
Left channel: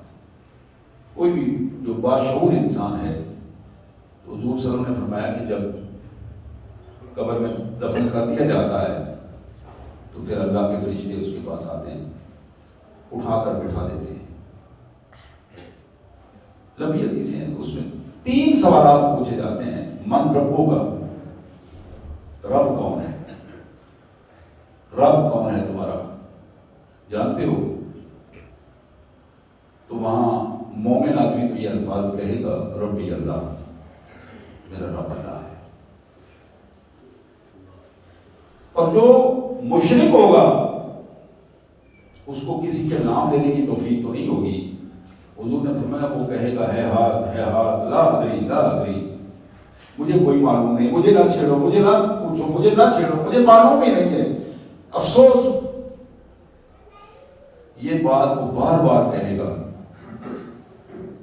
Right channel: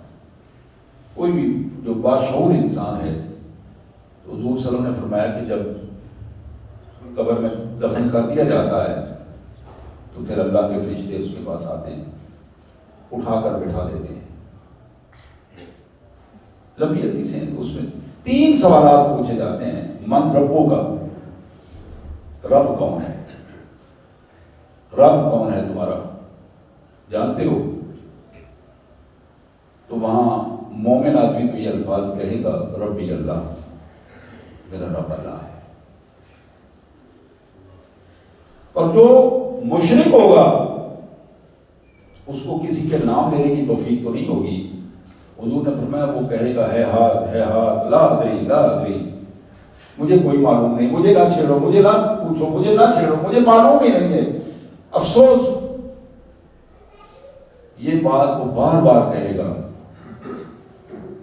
کوئی بھی جو باشعور انسان ہے، تو حضور صلی اللہ علیہ وسلم نے فرمایا کہ جب قبر میں دفن کر دیا جاتا ہے تو پھر اللہ کے فرشتے اس کے پاس آتے ہیں، اٹھا کر بٹھا دیتے ہیں۔ لمبی حدیث ہیں، اس میں 3 سوالات پوچھے جاتے ہیں۔ من ربوں کا، رب کون ہے؟ رب کون ہے تمہارا، جانتے ہو؟ تو وہاں مومن آدمی تو یہ الفاظ کہے گا، ربی اللہ، میرا رب اللہ ہے۔ اور جو مشرک ہوگا اس کو کسی کے نام لینے کی توفیق تو نہیں ہوگی۔ حضور نے فرمایا وہ کہے گا ہے ہاتھ، لا ادری، مجھے کوئی معلوم نہیں، مجھے نہ چھیڑو، مجھے نہ پوچھو، مجھے نہ چھیڑو، مجھے معلوم ہی نہیں ہے۔ افسوس، یہ بات وہ بار بار کہے گا۔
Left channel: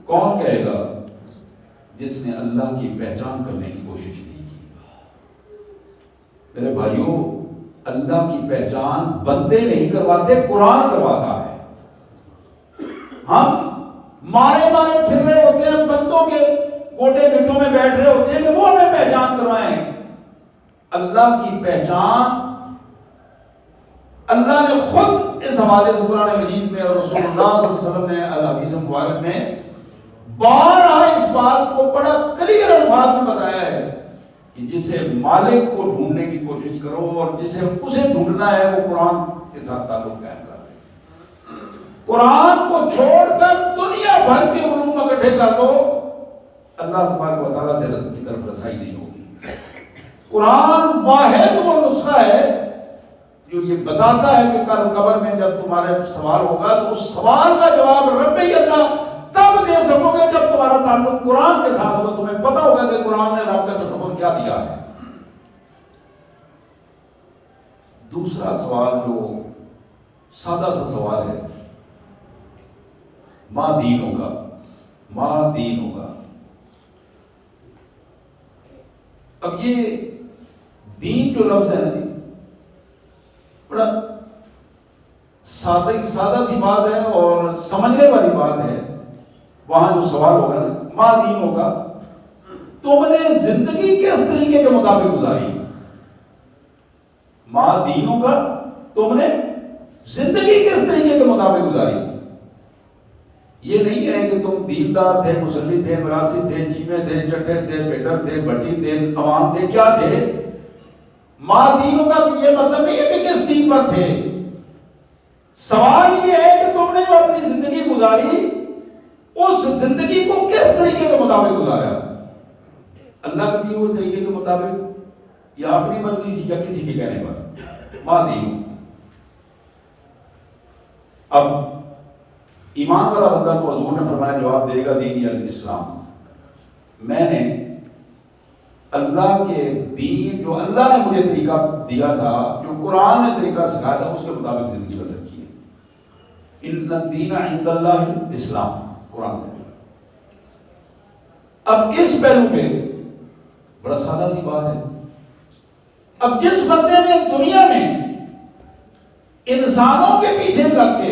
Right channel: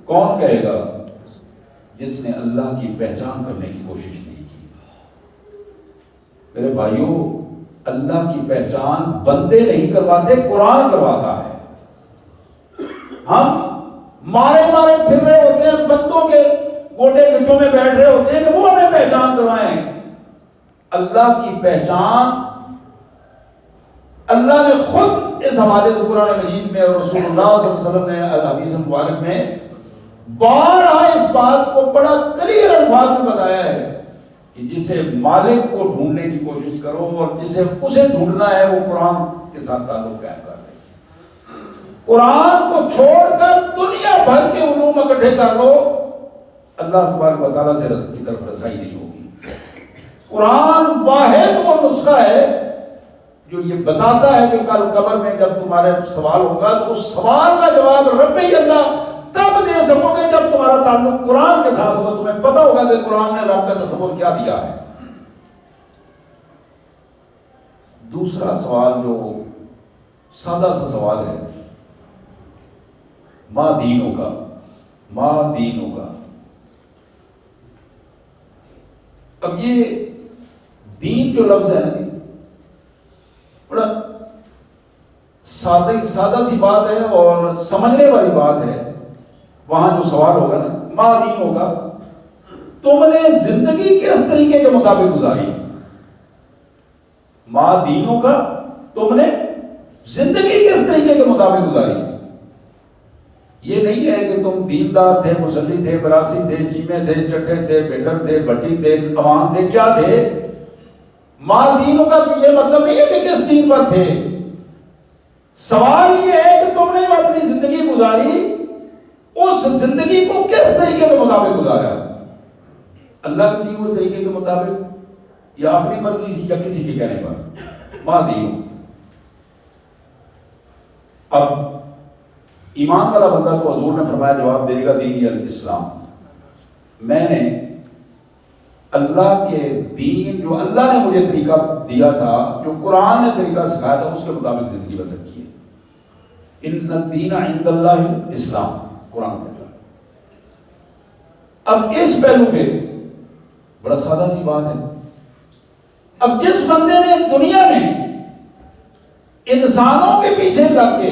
کون کہے گا؟ جس نے اللہ کی پہچان کرنے کی کوشش نہیں کی۔ میرے بھائیوں، اللہ کی پہچان بندے نہیں کرواتے، قرآن کرواتا ہے۔ ہم مارے پھر رہے ہوتے ہیں، بندوں کے گوٹے گٹوں میں بیٹھ رہے ہوتے ہیں کہ وہ ہمیں پہچان کروائیں۔ اللہ کی پہچان اللہ نے خود اس حوالے سے قرآن مجید میں اور رسول اللہ صلی اللہ علیہ وسلم نے الحدیث مبارک میں بارہا اس بات کو بڑا کلیئر الفاظ میں بتایا ہے کہ جسے مالک کو ڈھونڈنے کی کوشش کرو اور جسے اسے ڈھونڈنا ہے وہ قرآن کے ساتھ تعلق قائم کر دے۔ قرآن کو چھوڑ کر دنیا بھر کے علوم اکٹھے کر دو، اللہ تبارک و تعالیٰ سے رزق کی طرف رسائی نہیں ہوگی۔ قرآن واحد وہ نسخہ ہے جو یہ بتاتا ہے کہ کل قبر میں جب تمہارے سوال ہوگا تو اس سوال کا جواب ربی اللہ تب دے سکو گے جب تمہارا تعلق قرآن کے ساتھ ہوگا، تمہیں پتہ ہوگا کہ قرآن نے رب کا تصور کیا دیا ہے۔ دوسرا سوال جو سادہ سا سوال ہے، ماں دین ہوگا۔ اب یہ دین جو لفظ ہے نا، بڑا سادہ سی بات ہے اور سمجھنے والی بات ہے۔ وہاں جو سوال ہوگا نا، ماں دین ہوگا، تم نے زندگی کس طریقے کے مطابق گزاری؟ ماں دین ہوگا، تم نے زندگی کس طریقے کے مطابق گزاری؟ یہ نہیں ہے کہ تم دیندار تھے، مصلی تھے، براسی تھے، چیمے تھے، چٹے تھے، بیٹر تھے، بٹی تھے، عوام تھے، کیا تھے؟ ماں دینوں کا یہ مطلب نہیں ہے کہ کس دین پر تھے۔ سوال یہ ہے کہ تم نے جو اپنی زندگی گزاری اس زندگی کو کس طریقے کے مطابق گزارا؟ اللہ کے دیے ہوئے طریقے کے مطابق یا اپنی مرضی یا کسی کے کہنے پر؟ ماں دینوں۔ اب ایمان والا بندہ تو حضور نے فرمایا جواب دے گا دین الاسلام، میں نے اللہ کے دین جو اللہ نے مجھے طریقہ دیا تھا، جو قرآن نے طریقہ سکھایا تھا، اس کے مطابق زندگی بسر کی ہے۔ ان الدین عند اللہ اسلام، قرآن کہتا ہے۔ اب اس پہلو پہ بڑا سادہ سی بات ہے، اب جس بندے نے دنیا میں انسانوں کے پیچھے لگ کے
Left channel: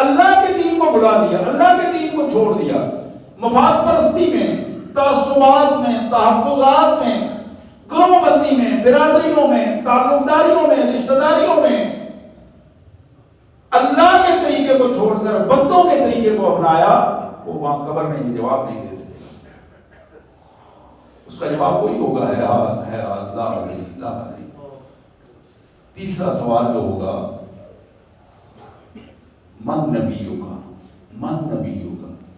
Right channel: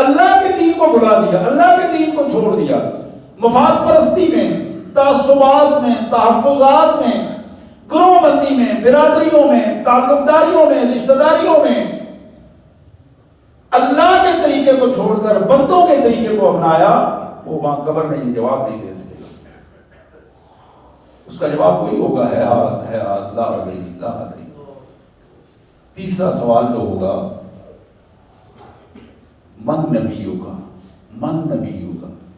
اللہ کے دین کو بھلا دیا، اللہ کے دین کو چھوڑ دیا، مفاد پرستی میں، تعصبات میں، تحفظات میں، گروہ بندی میں، برادریوں میں، تعلق داریوں میں، رشتہ داریوں میں اللہ کے طریقے کو چھوڑ کر بندوں کے طریقے کو اپنایا، وہ وہاں قبر میں یہ جواب نہیں دے سکے۔ اس کا جواب وہی ہوگا ہے لا ادری۔ تیسرا سوال جو ہوگا، من نبی ہوگا۔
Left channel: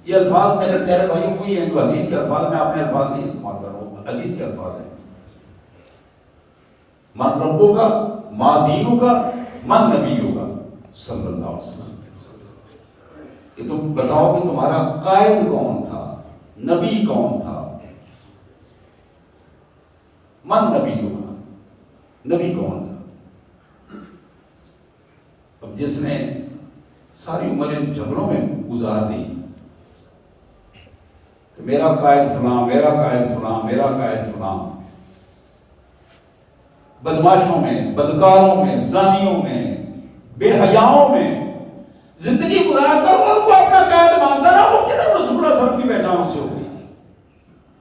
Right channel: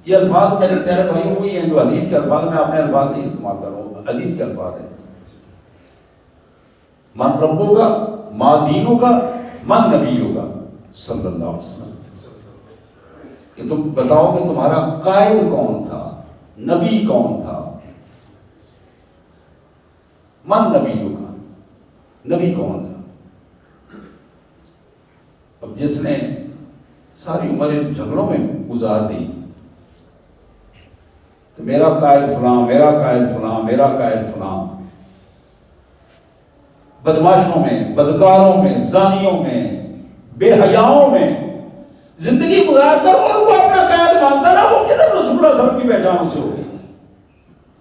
یہ الفاظ میرے پیارے بھائی وہی ہیں جو حدیث کے الفاظ میں، آپ نے الفاظ نہیں استعمال کر رہا ہوں، حدیث کے الفاظ ہیں۔ من رب ہوگا، ماں دین ہوگا، من نبی ہوگا صلی اللہ علیہ وسلم۔ کہ تم بتاؤ کہ تمہارا قائد کون تھا، نبی کون تھا؟ من نبی ہوگا، نبی کون تھا؟ اب جس نے ساری عمر ان جھگڑوں میں گزار دی کہ میرا قائد فلاں، میرا قائد فلاں، میرا قائد فلاں، بدماشوں میں، بدکاروں میں، زانیوں میں، بے حیاؤں میں زندگی گزار کر ان کو اپنا قائد مانتا نا، وہ کدھر رسول اللہ صلی اللہ علیہ وسلم کی پہچان اسے ہوگی؟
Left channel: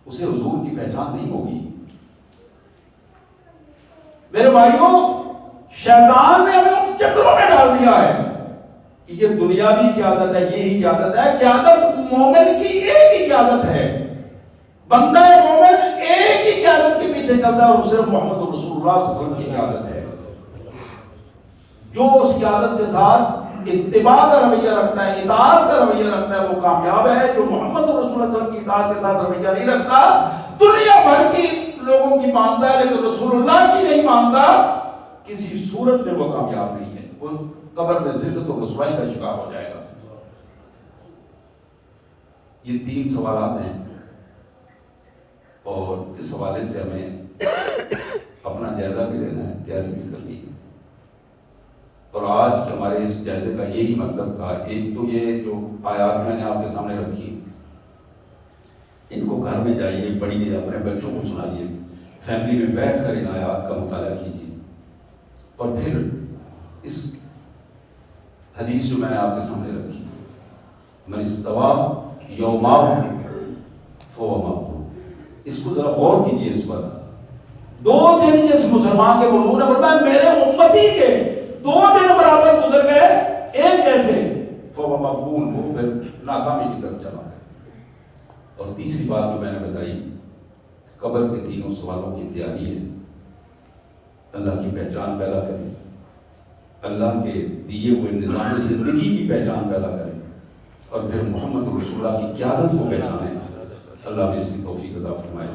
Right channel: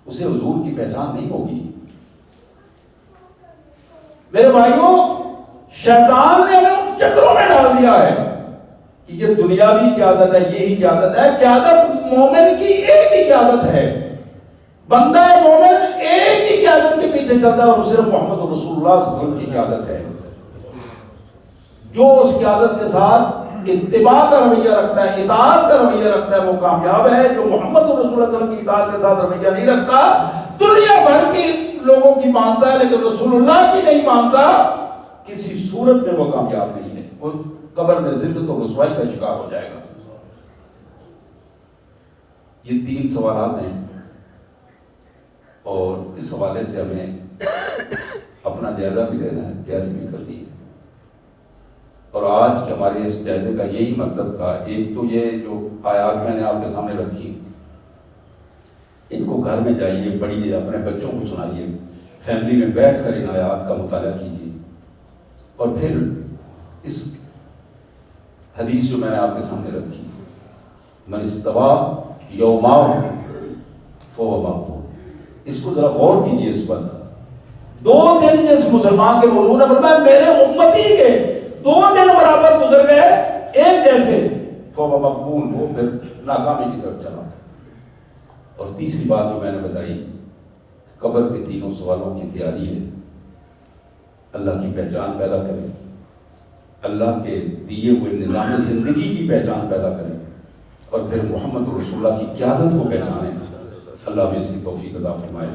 اسے حضور کی پہچان نہیں ہوگی۔ میرے بھائیوں، شیطان نے ہمیں ان چکروں میں ڈال دیا ہے کہ یہ دنیاوی قیادت ہے، یہی قیادت ہے۔ قیادت مومن کی ایک ہی قیادت ہے، بندہ مومن ایک ہی قیادت کے پیچھے چلتا ہے، اور صرف محمد رسول اللہ صلی اللہ علیہ وسلم کی قیادت ہے۔ جو اس قیادت کے ساتھ اتباع کا رویہ رکھتا ہے، اطاعت کا رویہ رکھتا ہے، وہ کامیاب ہے۔ جو محمد رسول اللہ صلی اللہ علیہ وسلم کی اطاعت کے ساتھ رویہ نہیں رکھتا، دنیا بھر کی لوگوں کی مانتا ہے لیکن رسول اللہ کی نہیں مانتا، کسی صورت میں وہ کامیاب نہیں ہے، وہ قبر میں ذلت و رسوائی کا شکار ہو جائے گا۔ یہ 3 سوالات ہیں، اور اس حوالے سے ہمیں اپنا جائزہ بھی لینا ہے، تیاری بھی کرنی ہے۔ اور آج ہمارے اس جائزے کا یہی مطلب تھا۔ ایک تو یہ جو آیات میں نے آپ کے سامنے رکھی، ان کو گھر میں جائیے، پڑھیے، اپنے بچوں کو سنائیے، فیملی میں بیٹھ کر ان آیات کا مطالعہ کیجیے، اور پھر اس حدیث جو میں نے آپ کے سامنے رکھی، من استویٰ یومہ فہو مغبون، اس کو ذرا غور کیجیے۔ اس پر 2 دن جس مسلمان کے موضوع نے فرمایا میرے امتی کے 2 دن برابر گزر گئے ایک جیسے، فہو مغبون، وہ پھر ناکامی کی طرف چلا۔ اور تیسری بات جو میں نے بتائی، قبر کے 3 سوالوں کی تیاری ہے۔ اللہ کی پہچان پیدا کریں، اللہ کے دیے ہوئے نظام زندگی کی پہچان پیدا کریں، اور پھر محمد رسول اللہ کی قیادت کو پہچانیں۔ اللہ میں اس کی توفیق عطا فرمائے۔